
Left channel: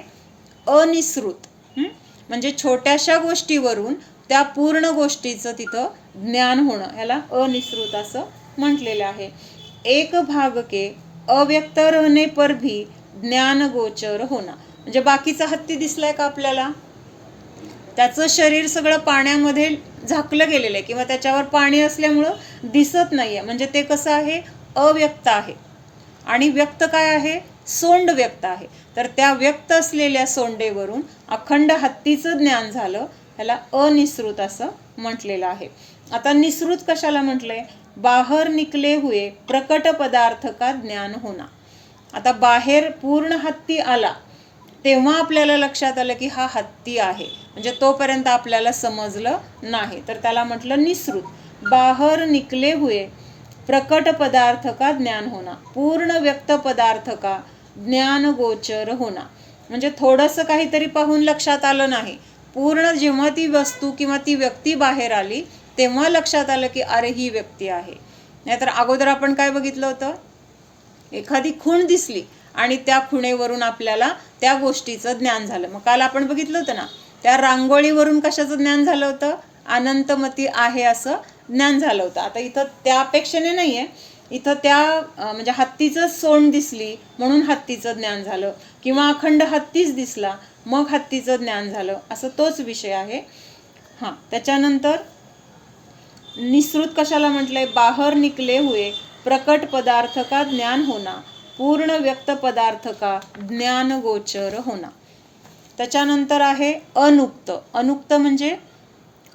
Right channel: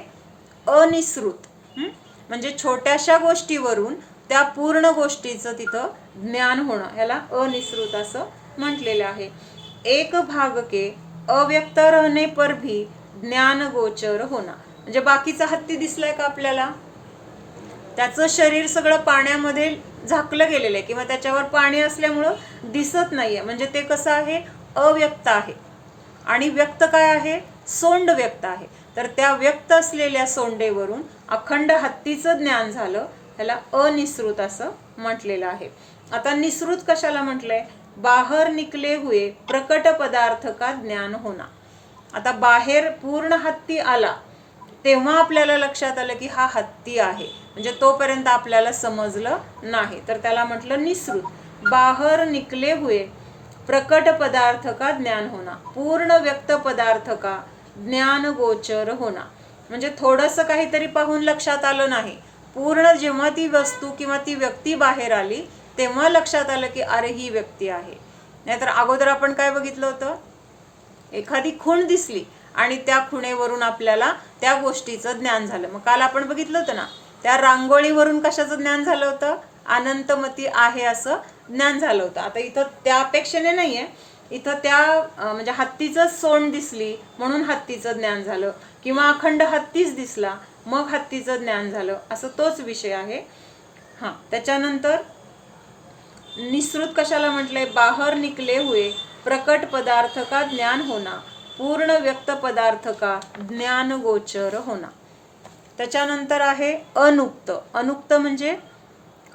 अनिसृत. म्हणजे छोट्याशा गोष्टीवरून त्या पूर्ण गोष्टीचं तिथं ज्ञान होणं, ह्याला अनिसृत असं म्हटलेलं आहे. एक भाग के अव्यक्त रहने पर भी ज्ञान गोचर होना. म्हणजे बाकीचा हत्ती दिसलाय का आपल्याला, त्याचं शरीर सगळं पाण्यामध्ये झाकलं गेलेलं आहे किंवा त्याच्यावर पाणी असल्यामुळं दिसत नाहीये, म्हणजे ते कसं आहे, अव्यक्त आहे. आणि व्यक्त काय आहे, सोंड व्यक्त आहे. तर त्या व्यक्त असलेल्या सोंडेवरून अखंड हत्तीचं ज्ञान झालं, ह्याला अनिसृत असं म्हटलेलं आहे. आता निसृत कशाला म्हटलंय, बाहेर निकले हुए प्रकट पदार्थ का ज्ञान होना. आता बाहेर पूर्ण हत्ती आला तेव्हा आपल्याला लक्षात आलं की हा हत्ती आहे, म्हणजे तोपर्यंत आपल्याला समजलं नाही, तर त्याला म्हटलं निसृत. बाहेर निकले हुए प्रकट पदार्थ का ज्ञान होना, पूर्ण व्यक्त पदार्थ का ज्ञान गोचर होना. म्हणजे थोडंसं काहीतरी पाहून लक्षात आलं नाही, पूर्ण जेव्हा ती वस्तू किंवा ती व्यक्ती बाहेर आली तेव्हा लक्षात आलं की अरे ही व्यक्ती आहे. नाहीतर अगोदर आपण काय बघितलं होतं, एखादी खूण दिसली आणि त्या खुणेवरून आपल्याला त्या गोष्टीचं ज्ञान झालं. मग काल आपण बघितलं होतं ना, त्या रांगोळीवरून कशाचं ज्ञान झालं होतं, अनंतमती आहे असं ज्ञान झालं होतं. आता इथं त्या अपेक्षेने नाहीये, इथं त्या म्हणजे हत्तीचं सोंड दिसली म्हणून हत्तीचं ज्ञान झालं, किंवा अखंड हत्तीच दिसला मग हत्तीचं ज्ञान झालं, असं तोच विषय आहे. त्याच्यानंतर निसृत कशाला म्हटलंय, बाहेर निकले हुए प्रकट पदार्थ का ज्ञान होना, पूर्ण व्यक्त पदार्थ का ज्ञान गोचर होना. त्याच्यानंतर आहे अनुक्त. अनुक्त म्हणजे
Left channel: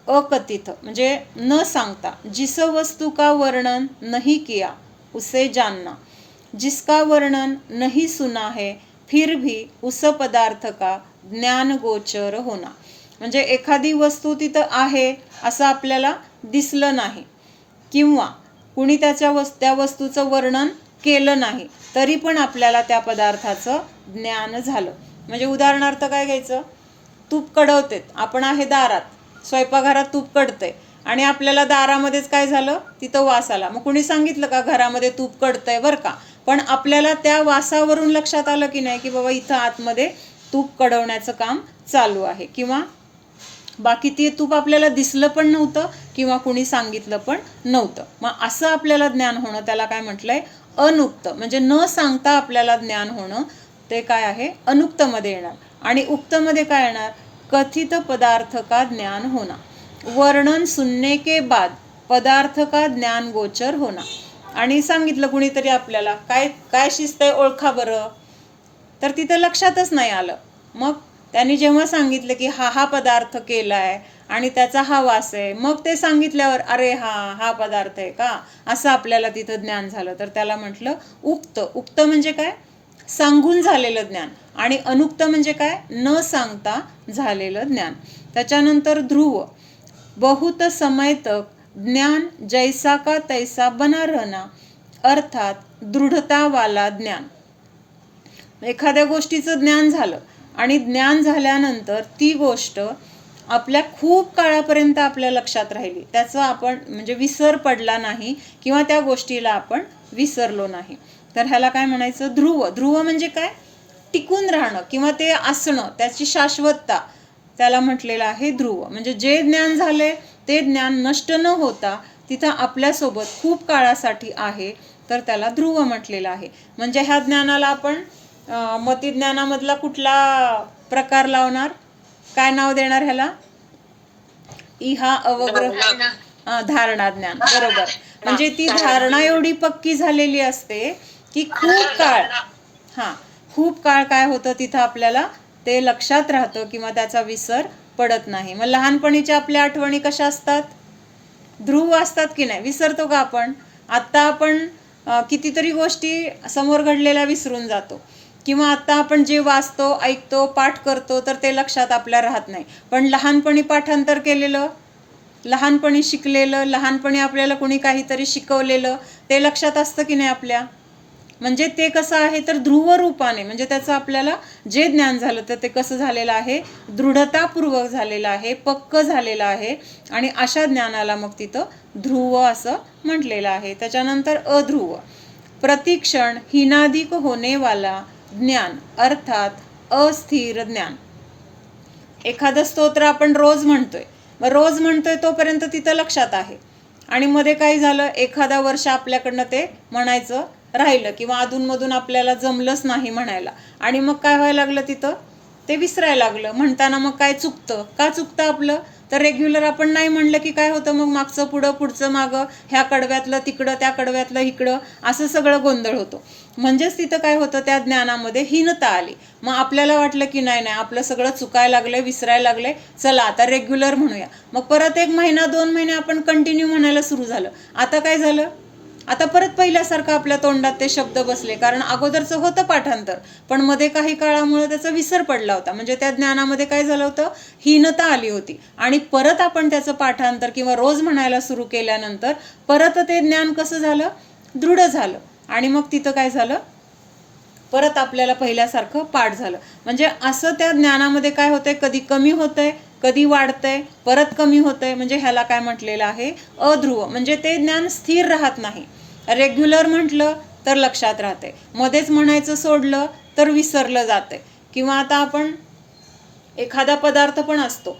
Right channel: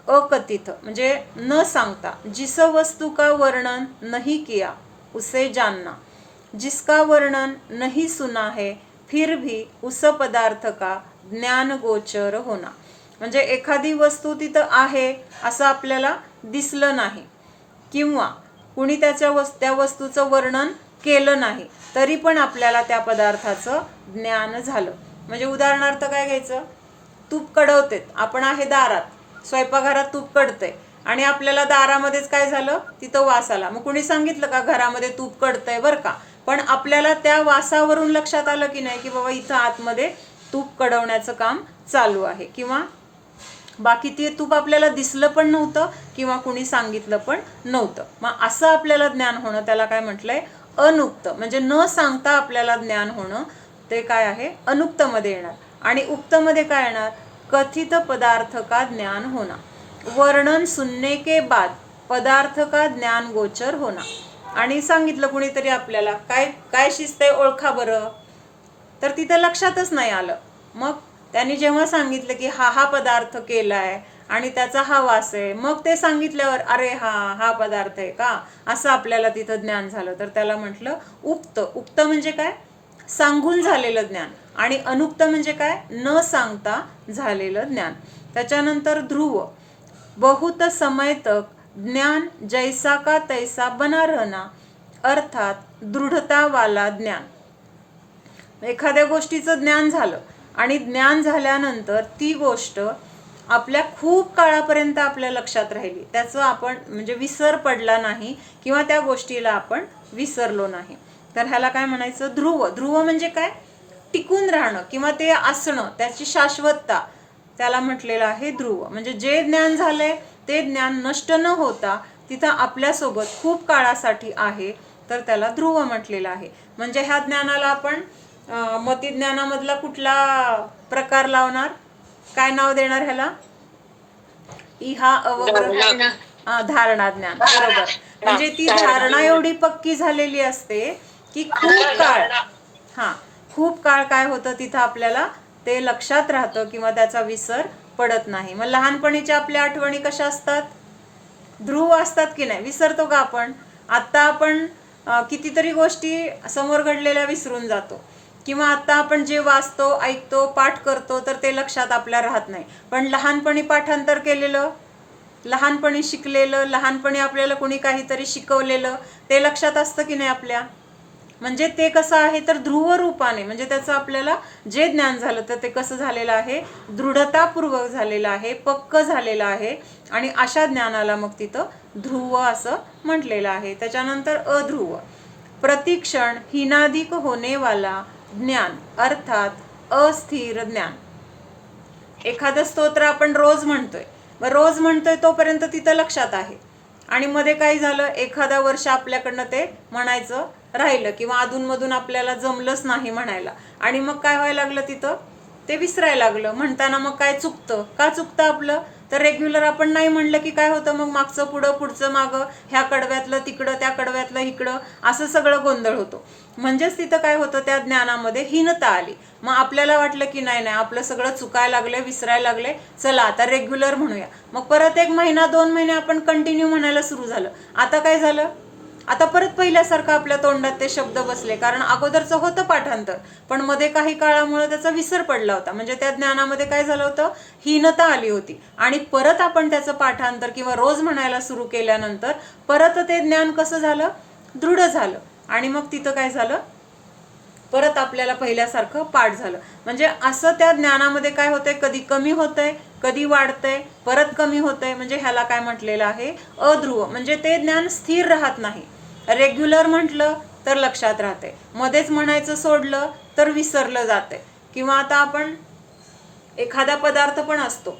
अकथित, म्हणजे न सांगता. जिस वस्तू का वर्णन नहीं किया उसे जानना, जिसका वर्णन नहीं सुना है फिर भी उस पदार्थ का ज्ञान गोचर होना. म्हणजे एखादी वस्तू तिथं आहे असं आपल्याला दिसलं नाही किंवा कुणी त्या वस्तूचं वर्णन केलं नाही तरी पण आपल्याला त्या पदार्थाचं ज्ञान झालं. म्हणजे उदाहरणार्थ काय घ्यायचं, तूप कडवते, आपण आहे दारात, स्वयंपाकघरात तूप कडतंय आणि आपल्याला दारामध्येच काय झालं, तिथं वास आला. मग कुणी सांगितलं का घरामध्ये तूप कडतंय बरं का, पण आपल्याला त्या वासावरून लक्षात आलं की नाही की बाबा इथं आतमध्ये तूप कडवण्याचं काम चालू आहे, किंवा बाकी ते तूप आपल्याला दिसलं पण नव्हतं किंवा कुणी सांगितलं पण नव्हतं. मग असं आपल्याला ज्ञान होणं, त्याला काय म्हटलंय, अनुक्त. म्हणजे न सांगता आपल्याला ज्ञान होणं ते काय आहे, अनुक्तमध्ये येणार. आणि उक्तमध्ये काय येणार, कथित पदार्थ का ज्ञान होना, वर्णन सुनने के बाद पदार्थ का ज्ञान गोचर होना. आणि सांगितलं कुणीतरी आपल्याला, काय काय शिस्त आहे ओळखा बरं, तर तिथं लक्षातच नाही आलं. मग त्यांनी जेव्हा सांगितलं की हा पदार्थ केलाय आणि त्याचा हा वास आहे, मग ते सांगितल्यावर अरे हा पदार्थ आहे का, असं आपल्याला तिथं ज्ञान झालं, तर त्याला म्हटलं उक्त. उक्त म्हणजे काय, सांगून झालेलं ज्ञान. आणि अनुक्त म्हणजे काय, न सांगता झालेलं ज्ञान. त्याच्यानंतर ध्रुव. बहुत समय तक ज्ञान जैसा का तैसा बना रहना, अर्थात दृढता वाला ज्ञान. एखाद्या गोष्टीचं ज्ञान झालं आणि ज्ञान झाल्यानंतर ती गोष्ट आपल्या खूप काळापर्यंत आपल्या लक्षात राहिली, त्याचं आपण म्हणजे विसर पडला नाही किंवा त्या गोष्टीला आपण विसरलो नाही, तर ह्याला काय म्हणायचं, ध्रुव. ध्रुव म्हणजे काय, टिकून राहणं किंवा ते असणं, त्याची शाश्वतता, त्याला म्हटलेलं आहे ध्रुव. म्हणजे जे ज्ञान झालंय ते ज्ञान नष्ट न होता तिथं आपल्यासोबत खूप काळासाठी आहे, तर त्याला ध्रुव म्हटलेलं आहे. म्हणजे ह्या ज्ञानाला आपण मतिज्ञानामधला कुठला प्रकार लावणार, काय नाव देणार ह्याला, इहा अवग्रह धारणा ज्ञान, बरोबर. म्हणजे ती धारणा एवढी पक्की झालेली असते की खूप काळ काय होतं तिथं आपल्याला ते लक्षात राहतं किंवा त्याचा विसर पडत नाही. मग लहानपणीच्या आपल्या आठवणी कशा असतात, ध्रुव असतात की नाही, विसरतो का आपण. आत्ता आपण कितीतरी गोष्टी समोर घडलेल्या विसरून जातो, किंवा आता आपण जे वाचतो, ऐकतो, पाठ करतो तर ते लक्षात आपल्या राहत नाही, पण लहानपणी पाठांतर केलेलं लहानपणी शिकलेलं, लहानपणी आपल्याला कोणी काहीतरी शिकवलेलं ते लक्षात असतं की नाही आपल्या. म्हणजे ते कसं आहे तर ध्रुव रूपाने, म्हणजे त्याचं आपल्याला जे ज्ञान झालं तर ते कसं झालेलं आहे, दृढतापूर्वक झालेलं आहे, पक्क झालेलं आहे. आणि अशा ज्ञानाला मग तिथं ध्रुव असं म्हटलेलं आहे. त्याच्यानंतर अध्रुव, प्रतिक्षण हिनादिक होनेवाला ज्ञान अर्थात अस्थिर ज्ञान. एखादं स्तोत्र आपण रोज म्हणतोय, मग रोज म्हणतोय तोपर्यंत तिथं लक्षात आहे, आणि मध्ये काय झालं, एखादा वर्ष आपल्याकडनं ते म्हणायचं राहिलं किंवा अधूनमधून आपल्याला जमलंच नाही म्हणायला, आणि मग काय व्हायला लागलं, तिथं ते विसरायला लागलं. म्हणताना मग काय चुकतं, का चुकतं आपलं, तर रेग्युलर आपण नाही म्हणलं की काय होतं, मग मागचं पुढं, पुढचं मागं, ह्या कडव्यातलं तिकडं, त्या कडव्यातलं इकडं, असं सगळं गोंधळ होतो. म्हणजेच तिथं काय होतं, त्या ज्ञानामध्ये हीनता आली. मग आपल्याला वाटलं की नाही नाही आपलं सगळं चुकायला लागलं, विसरायला लागले, चला आता रेग्युलर म्हणूया. मग परत 1 महिना 2 महिने आपण कंटिन्यू म्हणायला सुरू झालं. आता काय झालं, आता परत पहिल्यासारखं आपल्या तोंडात ते शब्द बसले, कारण अगोदरचं होतं पाठांतर, पण मध्ये काही काळामुळे त्याचा विसर पडला होता. म्हणजे त्या ज्ञानामध्ये काय झालं होतं, हीनता आली होती. आणि परत आपण त्याचं पाठांतर किंवा रोज म्हणायला सुरू केल्यानंतर परत ते ज्ञान कसं झालं, दृढ झालं. आणि मग तिथं काय झालं, परत आपल्याला पहिल्यासारखं पाठ झालं. म्हणजे असं त्या ज्ञानामध्ये काय होतंय, कधी कमी होतंय, कधी वाढतंय, परत कमी होतंय. म्हणजे ह्याला काय म्हटलेलं आहे, अध्रुव. म्हणजे ते ज्ञान स्थिर राहत नाही. रेग्युलर म्हटलं तर लक्षात राहते, मध्येच म्हणायचं सोडलं तर विसरलं जाते. किंवा आता आपण एखादा पदार्थ पण असतो,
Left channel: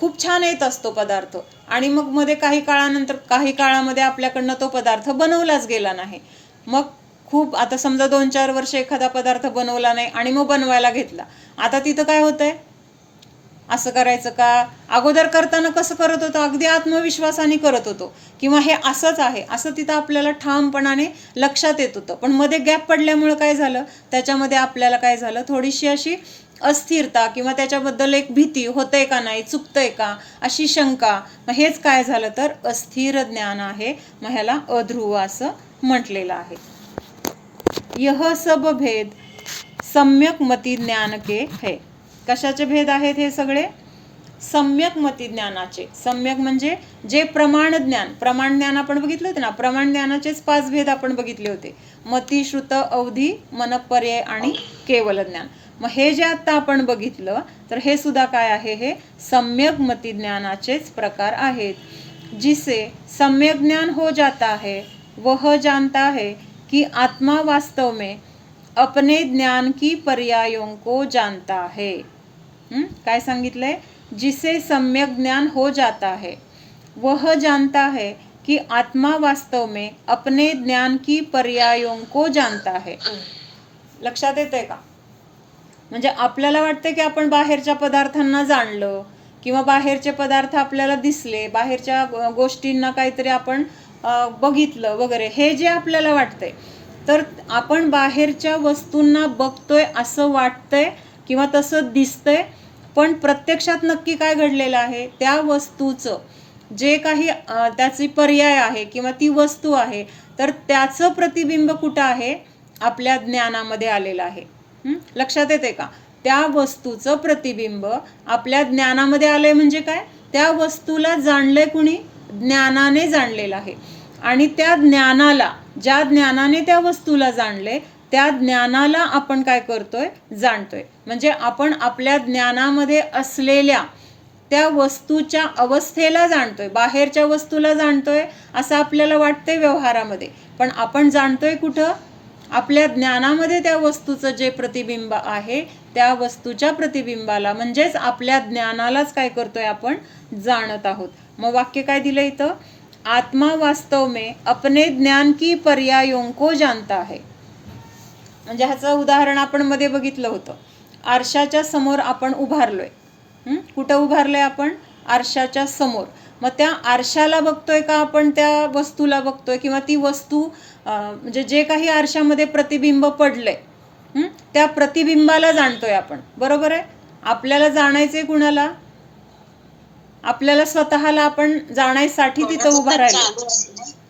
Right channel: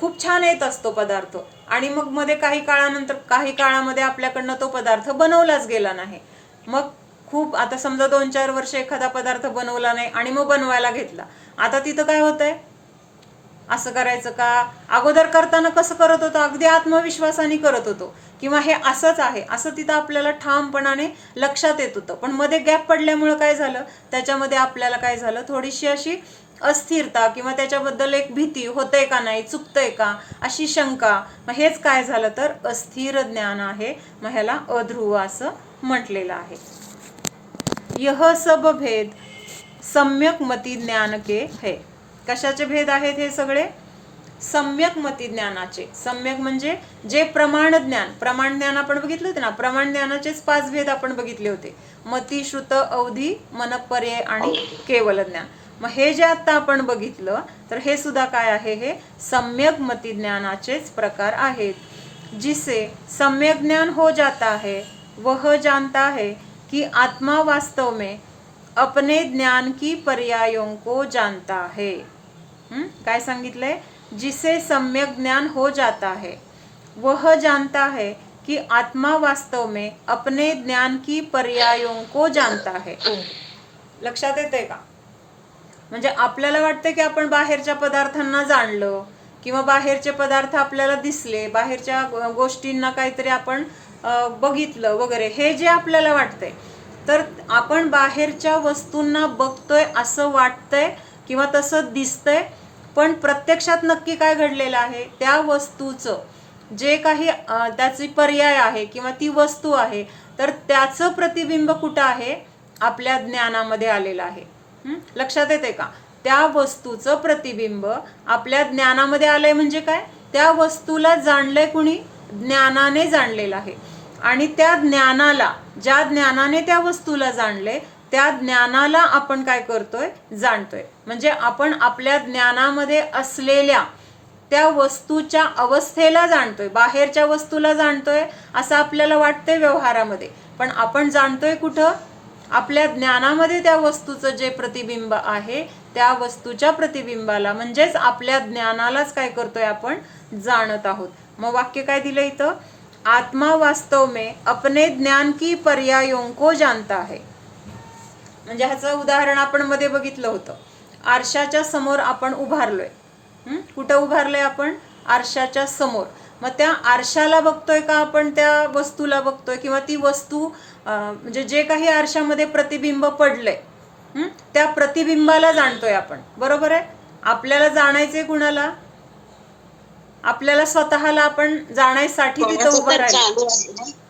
खूप छान येत असतो पदार्थ, आणि मग मध्ये काही काळानंतर, काही काळामध्ये आपल्याकडनं तो पदार्थ बनवलाच गेला नाही. मग खूप, आता समजा 2-4 वर्ष एखादा पदार्थ बनवला नाही आणि मग बनवायला घेतला, आता तिथं काय होतंय, असं करायचं का, अगोदर करताना कसं करत होतो, अगदी आत्मविश्वासाने करत होतो, किंवा हे असंच आहे असं तिथं आपल्याला ठामपणाने लक्षात येत होतं. पण मध्ये गॅप पडल्यामुळं काय झालं, त्याच्यामध्ये आपल्याला काय झालं, थोडीशी अशी अस्थिरता किंवा त्याच्याबद्दल एक भीती, होतंय का नाही, चुकतंय का, अशी शंका. मग हेच काय झालं तर अस्थिर ज्ञान आहे. मग ह्याला अध्रुव असं म्हटलेलं आहे. यह सब भेद सम्यक मती ज्ञान के है. कशाचे भेद आहेत हे सगळे, सम्यक मती ज्ञानाचे. सम्यक म्हणजे जे प्रमाण ज्ञान, प्रमाण ज्ञान आपण बघितलं होते ना, प्रमाण ज्ञानाचेच 5 भेद आपण बघितले होते, मती, श्रुत, अवधी, मनपर्यय आणि केवल ज्ञान. मग हे जे आता आपण बघितलं तर हे सुद्धा काय आहे, हे सम्यक मती ज्ञानाचेच प्रकार आहेत. जिसे सम्यक ज्ञान हो जाता है वह जानता है कि आत्मा वास्तव में अपने ज्ञान की पर्यायों को जानता है. काय सांगितलंय, जिसे सम्यक ज्ञान हो जाता है वह जानता है कि आत्मा वास्तव में अपने ज्ञान की पर्यायों को जानता है. लक्षात येते का, म्हणजे आपल्याला वाटतं की आपण बाहेरच्या पदार्थांना जाणलं, किंवा बाहेरचे पदार्थ आपल्याला दिसले, बाहेरच्या गोष्टींना काहीतरी आपण बघितलं वगैरे, हे जे आपल्याला वाटतंय, तर आपण बाहेरच्या वस्तूंना बघतोय असं वाटतंय किंवा तसं दिसतंय, पण प्रत्यक्षात नक्की काय घडलेलं आहे, त्या वस्तूचं जे काही त्याची पर्याय आहे किंवा ती वस्तू आहे, तर त्याचं प्रतिबिंब कुठं आहे, आपल्या ज्ञानामध्ये आलेलं आहे. लक्षात येते का, त्या वस्तूचं प्रतिबिंब आपल्या ज्ञानामध्ये आलंय. म्हणजे काय, त्या वस्तूला जाणलंय कुणी, ज्ञानाने जाणलेलं आहे. आणि त्या ज्ञानाला, ज्या ज्ञानाने त्या वस्तूला जाणले, त्या ज्ञानाला आपण काय करतोय, जाणतोय. म्हणजे आपण आपल्या ज्ञानामध्ये असलेल्या त्या वस्तूच्या अवस्थेला जाणतोय. बाहेरच्या वस्तूला जाणतोय असं आपल्याला वाटतंय व्यवहारामध्ये, पण आपण जाणतोय कुठं, आपल्या ज्ञानामध्ये त्या वस्तूचं जे प्रतिबिंब आहे, त्या वस्तूच्या प्रतिबिंबाला, म्हणजेच आपल्या ज्ञानालाच काय करतोय, आपण जाणत आहोत. मग वाक्य काय दिलं इथं, आत्मा वास्तव में अपने ज्ञान की पर्यायों को जानता है. म्हणजे ह्याचं उदाहरण आपण मध्ये बघितलं होतं. आरशाच्या समोर आपण उभारलोय. कुठं उभारलोय आपण, आरशाच्या समोर. मग त्या आरशाला बघतोय का आपण त्या वस्तूला बघतोय, किंवा ती वस्तू म्हणजे जे काही आरशामध्ये प्रतिबिंब पडलंय, त्या प्रतिबिंबाला जाणतोय आपण, बरोबर आहे. आपल्याला जाणायचंय कुणाला, आपल्याला स्वतःला आपण जाण्यासाठी तिथं उभं राहिलो.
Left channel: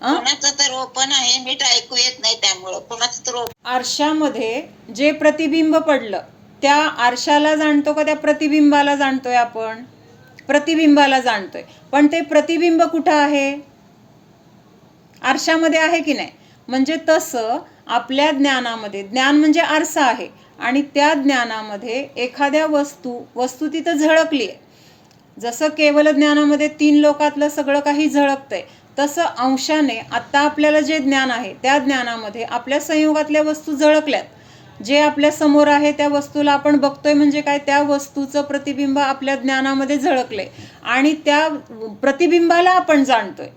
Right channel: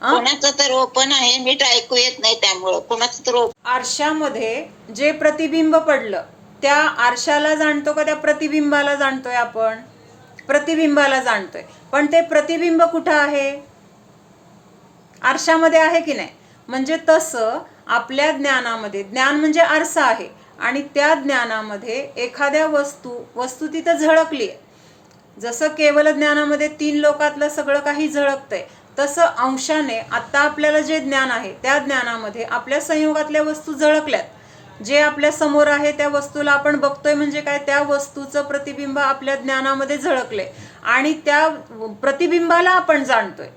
कोणाचं तर ओपन आहे, मीठ ऐकू येत नाही, त्यामुळं कोणाचं तर आरशामध्ये जे प्रतिबिंब पडलं, त्या आरशाला जाणतो का त्या प्रतिबिंबाला जाणतोय आपण, प्रतिबिंबाला जाणतोय. पण ते प्रतिबिंब कुठं आहे? आरशामध्ये आहे की नाही? म्हणजे तसं आपल्या ज्ञानामध्ये, ज्ञान म्हणजे आरसा आहे आणि त्या ज्ञानामध्ये एखाद्या वस्तू तिथं झळकली आहे. जसं केवल ज्ञानामध्ये 3 लोकातलं सगळं काही झळकतंय, तसं अंशाने आत्ता आपल्याला जे ज्ञान आहे त्या ज्ञानामध्ये आपल्या संयोगातल्या वस्तू झळकल्यात. जे आपल्या समोर आहे त्या वस्तूला आपण बघतोय म्हणजे काय? त्या वस्तूचं प्रतिबिंब आपल्या ज्ञानामध्ये झळकले आणि त्या प्रतिबिंबाला आपण जाणतोय.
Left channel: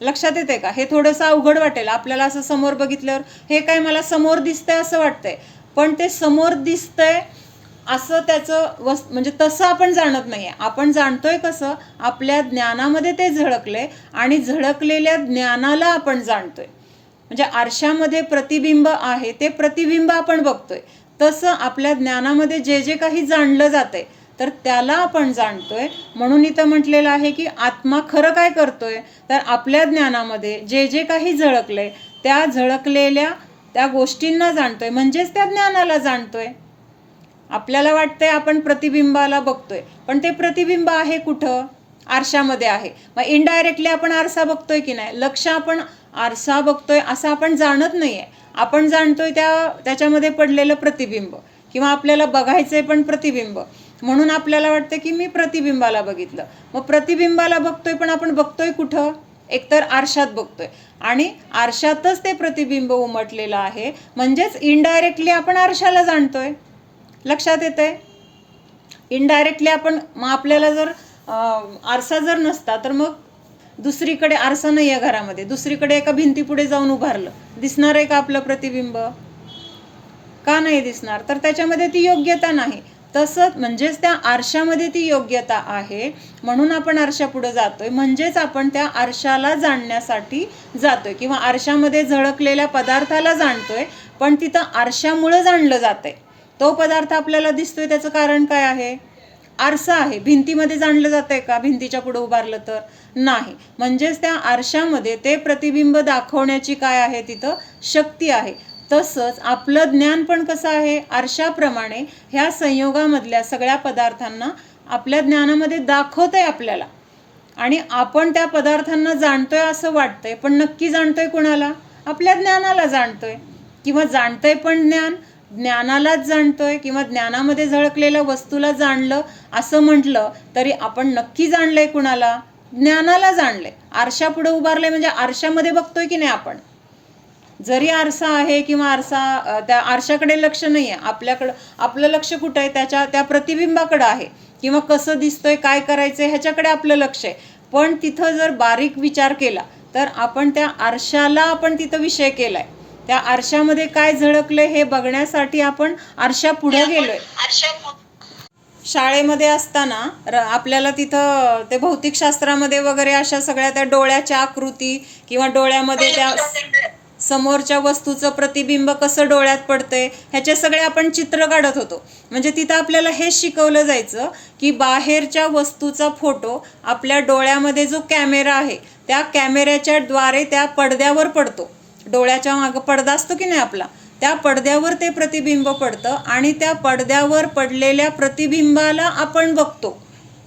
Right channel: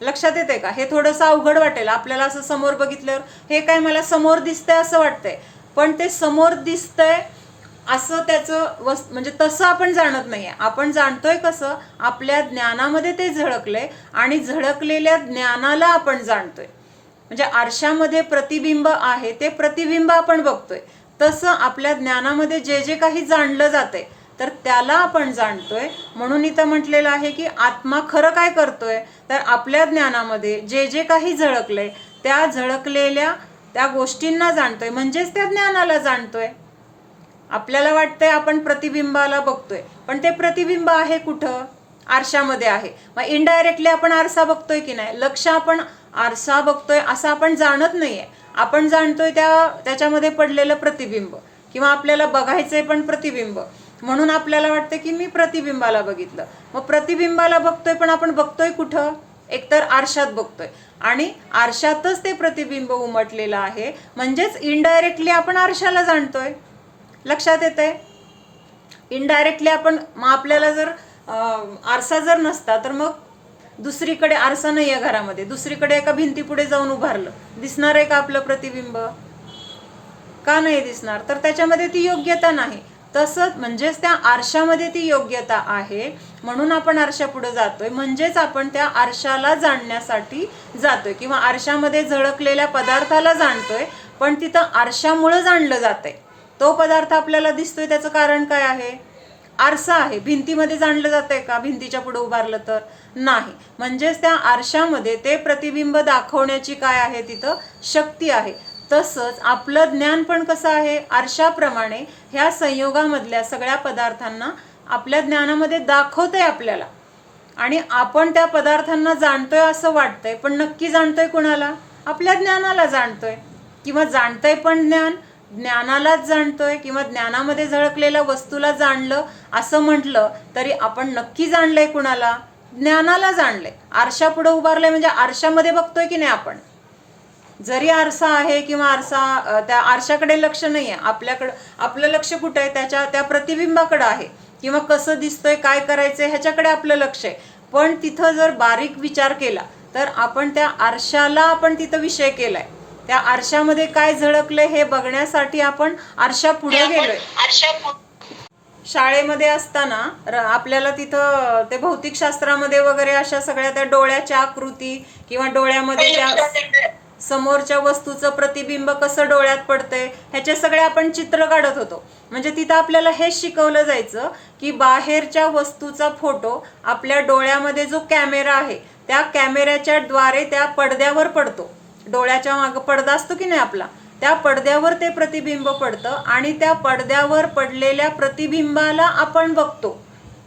लक्षात येते का? हे थोडंसं अवघड वाटेल आपल्याला असं समोर बघितल्यावर. हे काय मला समोर दिसतंय असं वाटतंय, पण ते समोर दिसतंय असं त्याचं म्हणजे तसं आपण जाणत नाही आहे. आपण जाणतोय कसं? आपल्या ज्ञानामध्ये ते झळकले आणि झळकलेल्या ज्ञानाला आपण जाणतोय. म्हणजे आरशामध्ये प्रतिबिंब आहे, ते प्रतिबिंब आपण बघतोय. तसं आपल्या ज्ञानामध्ये जे जे काही जाणलं जातंय तर त्याला आपण जाणतोय. म्हणून इथं म्हटलेलं आहे की आत्मा खरं काय करतोय? तर आपल्या ज्ञानामध्ये जे जे काही झळकलंय त्या झळकलेल्या त्या गोष्टींना जाणतोय, म्हणजेच त्या ज्ञानाला जाणतोय. आपल्याला वाटतंय आपण प्रतिबिंबाला बघतोय, पण ते प्रतिबिंब आहे कुठं? आरशामध्ये आहे. मग इनडायरेक्टली आपण आरसा बघतोय की नाही? लक्ष आपण आरसा बघतोय असं आपण जाणत नाहीये. आपण जाणतोय त्याच्यामध्ये पडलेलं प्रतिबिंब, किंवा आपल्याला बघायचंय पण प्रतिबिंब. म्हणून आपल्याला वाटतं की मी प्रतिबिंबाला बघितलं. मग प्रतिबिंबाला बघतोय, पण आपण बघतोय कुठं? एकतर आरशात बघतोय आणि आरशातच ते प्रतिबिंब उमटलेलं आहे, म्हणजेच इनडायरेक्टली आपण आरशाला जाणतोय. लक्षात येतंय? इनडायरेक्टली आपण, मग आपल्याला जर आरसा जर नसता तर मग दुसरीकडे आरसा नाही आहे घरामध्ये, दुसरीकडे एका भिंतीपुढे जाऊन उभारलं, दिसणार आहे का आपलं प्रतिबिंब? का नाही दिसणार? तर त्याच्यामध्ये ती योग्यता नाही. तसंच म्हणजेच त्या आरशामध्ये ती योग्यता आहे, म्हणून आपण आरशापुढे जातोय. म्हणजेच आपण त्या आरशाला जाणण्यासाठी जातोय किंवा आरशामध्ये झळकलेल्या पदार्थाला जाणतोय. पण तिथं आरशामुळं जाणलं जातंय. तो पदार्थ आपल्याला दिसतोय त्याचं कारण काय आहे? आरसा आहे. भिंतीमध्ये जाणलं जातंय का भिंतीच्या पुढे उभारलं तर? नाही. म्हणजेच त्या आरशामध्ये ते प्रतिबिंब दाखवण्याची काय आहे? तिथं शक्ती आहे. तसंच आपलं ज्ञान पण कसं आहे? आरशाप्रमाणे ह्या संयोगामधल्या सगळ्या पदार्थांना आपल्या ज्ञानामध्ये दाखवतंय आपल्याला, आणि आपण त्या पदार्थांना जाणतोय असं वाटतंय, पण नक्की जाणतोय कुणाला? आपल्या ज्ञानाला जाणतोय. किंवा जाणतंय पण ज्ञानालाच जाणतोय, किंवा ज्ञानामध्ये झळकलेल्या वस्तूला जाणलं असं म्हटलं तरी आपण नक्की जाणलंय कुणाला? ज्ञानाला जाणलंय. आरशापुढे उभारलंय म्हणजे आरशामध्ये बघतोय की नाही आपण? जरी आरसा आहे किंवा आरसा, त्या आरशाकडे लक्ष नाही आहे आपल्याकडं. आपलं लक्ष कुठं आहे? त्या प्रतिबिंबाकडं आहे, किंवा कसं दिसतोय, काय करायचंय ह्याच्याकडे आपलं लक्ष आहे. पण तिथं जर बारीक विचार केला तर आपण त्या आरशाला आपण तिथं विषय केलाय. त्या आरशामध्ये काय झळकलंय हे बघण्यासाठी आपण आरशा पुढे गेलोय. शाळेमध्ये असताना आपल्याला तिथं ते भौतिकशास्त्रामध्ये वगैरे अशा सगळ्या त्या डोळ्याच्या आकृती किंवा डोळ्यामध्ये त्या समोरच्या वस्तूचं प्रतिबिंब कसं डोळ्यात पडतंय ह्याचे सगळे आपण चित्र काढत होतो. म्हणजे तिथं आपल्याला हे शिकवलं जायचं की बाहेरच्या वस्तूचा फोटो आपल्या डोळ्यामध्ये जो कॅमेरा आहे त्या कॅमेऱ्याच्या द्वारे त्या पडद्यावर पडतो. डोळ्याच्या मागं पडदा असतो की नाही आपला, त्या पडद्यावर ते प्रतिबिंब पडतं आणि त्या पडद्यावर पडलेल्या प्रतिबिंबाला आपण बघतो.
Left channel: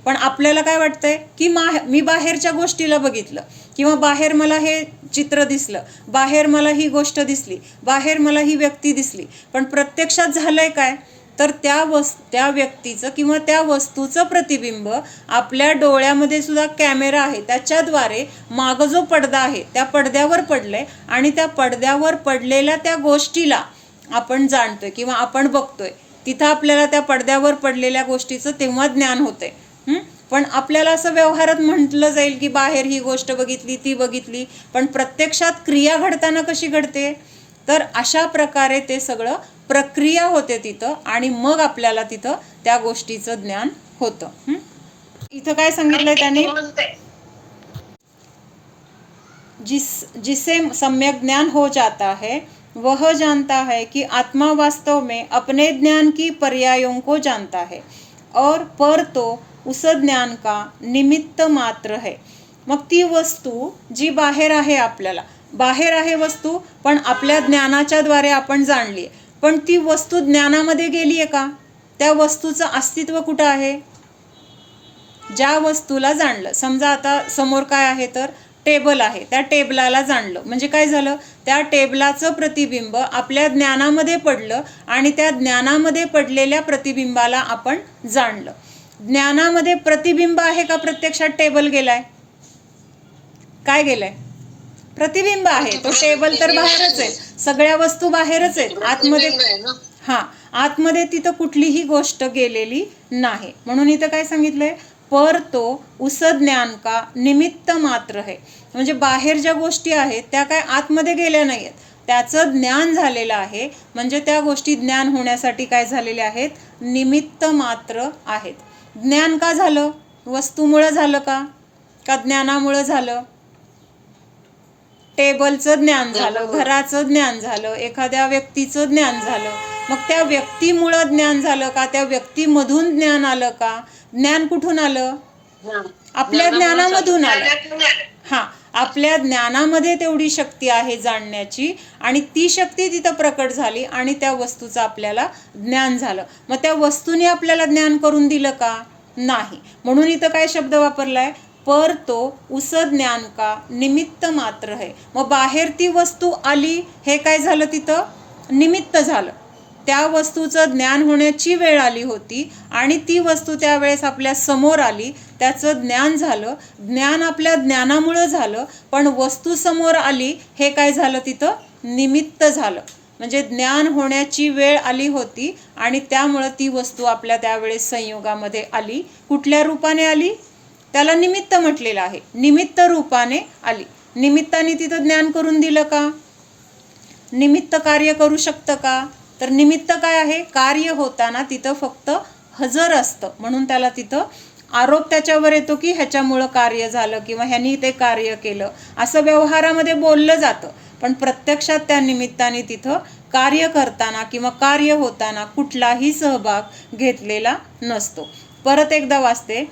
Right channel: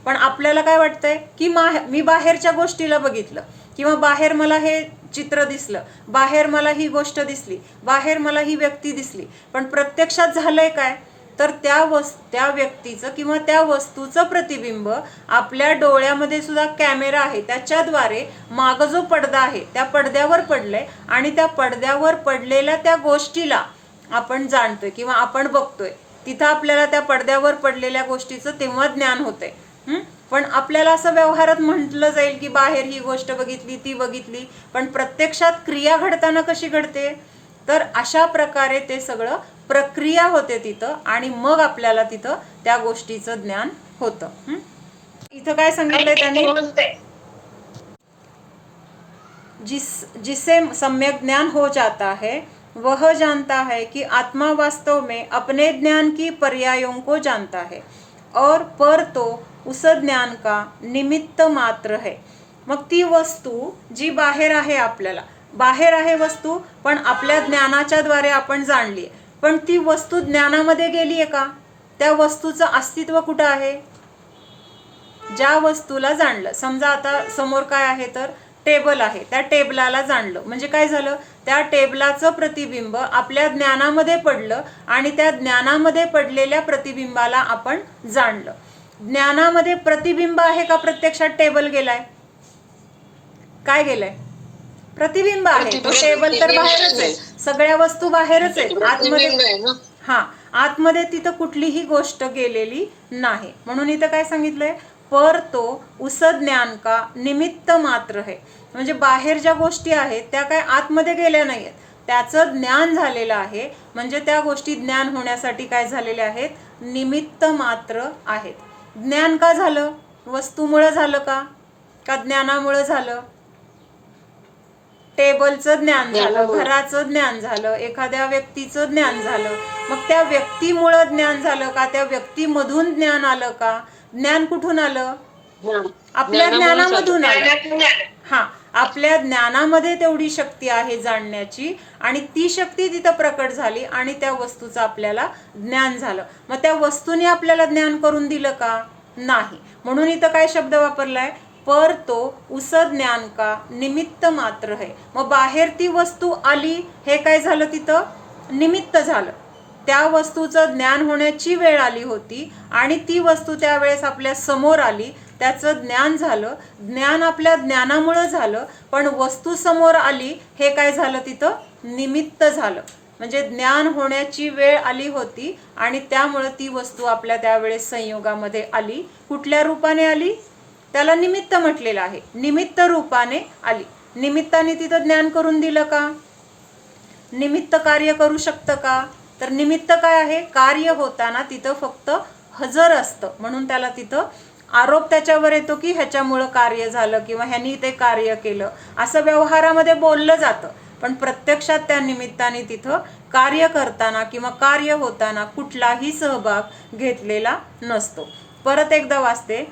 पण आपल्याला काय वाटतंय की मी बाहेरच्या गोष्टीला बघितलं, किंवा बाहेर मला हे चित्र दिसलं, बाहेर मला ही गोष्ट दिसली, बाहेर मला ही व्यक्ती दिसली. पण प्रत्यक्षात झालंय काय? तर त्या व्यक्तीचं किंवा त्या वस्तूचं प्रतिबिंब आपल्या डोळ्यामध्ये सुद्धा कॅमेरा आहे त्याच्याद्वारे मागं जो पडदा आहे त्या पडद्यावर पडलंय, आणि त्या पडद्यावर पडलेल्या त्या गोष्टीला आपण जाणतोय किंवा आपण बघतोय. तिथं आपल्याला त्या पडद्यावर पडलेल्या गोष्टीचं तेव्हा ज्ञान होतंय. पण आपल्याला असं व्यवहारात म्हटलं जाईल की बाहेर ही गोष्ट बघितली, ती बघितली, पण प्रत्यक्षात क्रिया घडताना कशी घडते? तर अशा प्रकारे ते सगळं प्रक्रिया होते तिथं, आणि मग आपल्याला तिथं त्या गोष्टीचं ज्ञान होतं. इथं काय सांगितलंय त्यांनी? जिसे सम्यक ज्ञान हो जाता है वह जानता है कि आत्मा वास्तव में अपने ज्ञान की पर्यायों को जानता है और पर तो उस ज्ञान का निमित्त मात्र है. मग ती वस्तू जी बाहेर आहे, आपल्याला बाहेर आहे वस्तू, पण आपल्या ज्ञानाच्या द्वारे आपण जाणली, पण ती वस्तू ज्ञानामध्ये गेली आहे का? त्या वस्तूचं अस्तित्व कुठं आहे? ज्या वस्तूला जाणलं. समजा आता समोर काय आहे तर टेबल आहे, त्या टेबलाला जाणलं म्हणजे काय झालं, त्या टेबलाचं प्रतिबिंब आपल्या ज्ञानामध्ये पडलं आणि त्या ज्ञानामध्ये पडलेल्या प्रतिबिंबाला आपण जाणलं. ज्ञानामध्ये प्रतिबिंब आहे का प्रत्यक्षात टेबल गेलाय? काय गेलाय? प्रतिबिंब आहे. तो टेबल तर बाहेरच आहे, सगळ्या वस्तू बाहेरच आहेत, आतमध्ये आतमध्ये तिथं कुठलीही गोष्ट गेलेली नाही. म्हणून इथं काय सांगितलंय, पर तो उस ज्ञान का निमित्त मात्र है. म्हणजे बाहेर ज्या गोष्टी आहेत त्या काय आतमध्ये गेल्या नाहीयेत, त्याचं ज्ञान झालेलं आहे. म्हणजे त्या गोष्टी ज्ञान होण्यासाठी काय झालेल्या आहेत, निमित्त मात्र आहेत. ज्ञान का झालं? वस्तूमुळं झालं का ज्ञानामुळं झालं? टेबलचं ज्ञान झालं, घराचं ज्ञान झालं, एखाद्या व्यक्तीचं ज्ञान झालं. मग त्या व्यक्तीमुळं ज्ञान झालं का, त्या व्यक्तीमधून ज्ञान आलं का? ज्ञान कुठून आलं? आपल्या ज्ञानामधून आलं. आपल्या ज्ञानामध्ये तेवढी शक्ती आहे जाणण्याची आणि ती शक्ती तिथं प्रकट झाली आणि त्या वस्तूचं आपल्याला ज्ञान झालं. मग त्या वस्तूने आपल्याला ज्ञान करून दिलं का? नाही. म्हणून इथं काय शब्द वापरलाय, पर तो उस ज्ञान का निमित्त मात्र है. मग बाहेर ती वस्तू आली, हे काय झालं, तिथं निमित्त झालं. त्या वस्तूचं ज्ञान होण्याची वेळ आली होती आणि ती वस्तू त्यावेळेस आपल्या समोर आली, त्याचं ज्ञान झालं. ज्ञान आपल्या ज्ञानामुळं झालं, पण वस्तू समोर आली, हे काय झालं, तिथं निमित्त झालं. म्हणजे ज्ञान होण्याची वेळ आली होती आणि त्यामुळं ती वस्तू आपल्या त्यावेळेस संयोगामध्ये आली. कुठल्या रूपाने आली? त्याला निमित्त म्हटलेलं आहे, निमित्त रूपाने आली. निमित्ताने तिथं ज्ञान करून दिलं का? निमित्त कार्य करू शकतं का? तर निमित्त काय आहे, कार्य होताना तिथं फक्त हजर असतं, म्हणून त्याला तिथं आरोप त्याच्यावर येतो की ह्याच्यामुळं कार्य झालं किंवा ह्यानी ते कार्य केलं, असं व्यवहारामध्ये बोललं जातं. पण प्रत्यक्षात त्या निमित्ताने तिथं कार्य करताना किंवा कार्य होताना कुठलाही सहभाग घेतलेला नसतो. परत एकदा वाचते,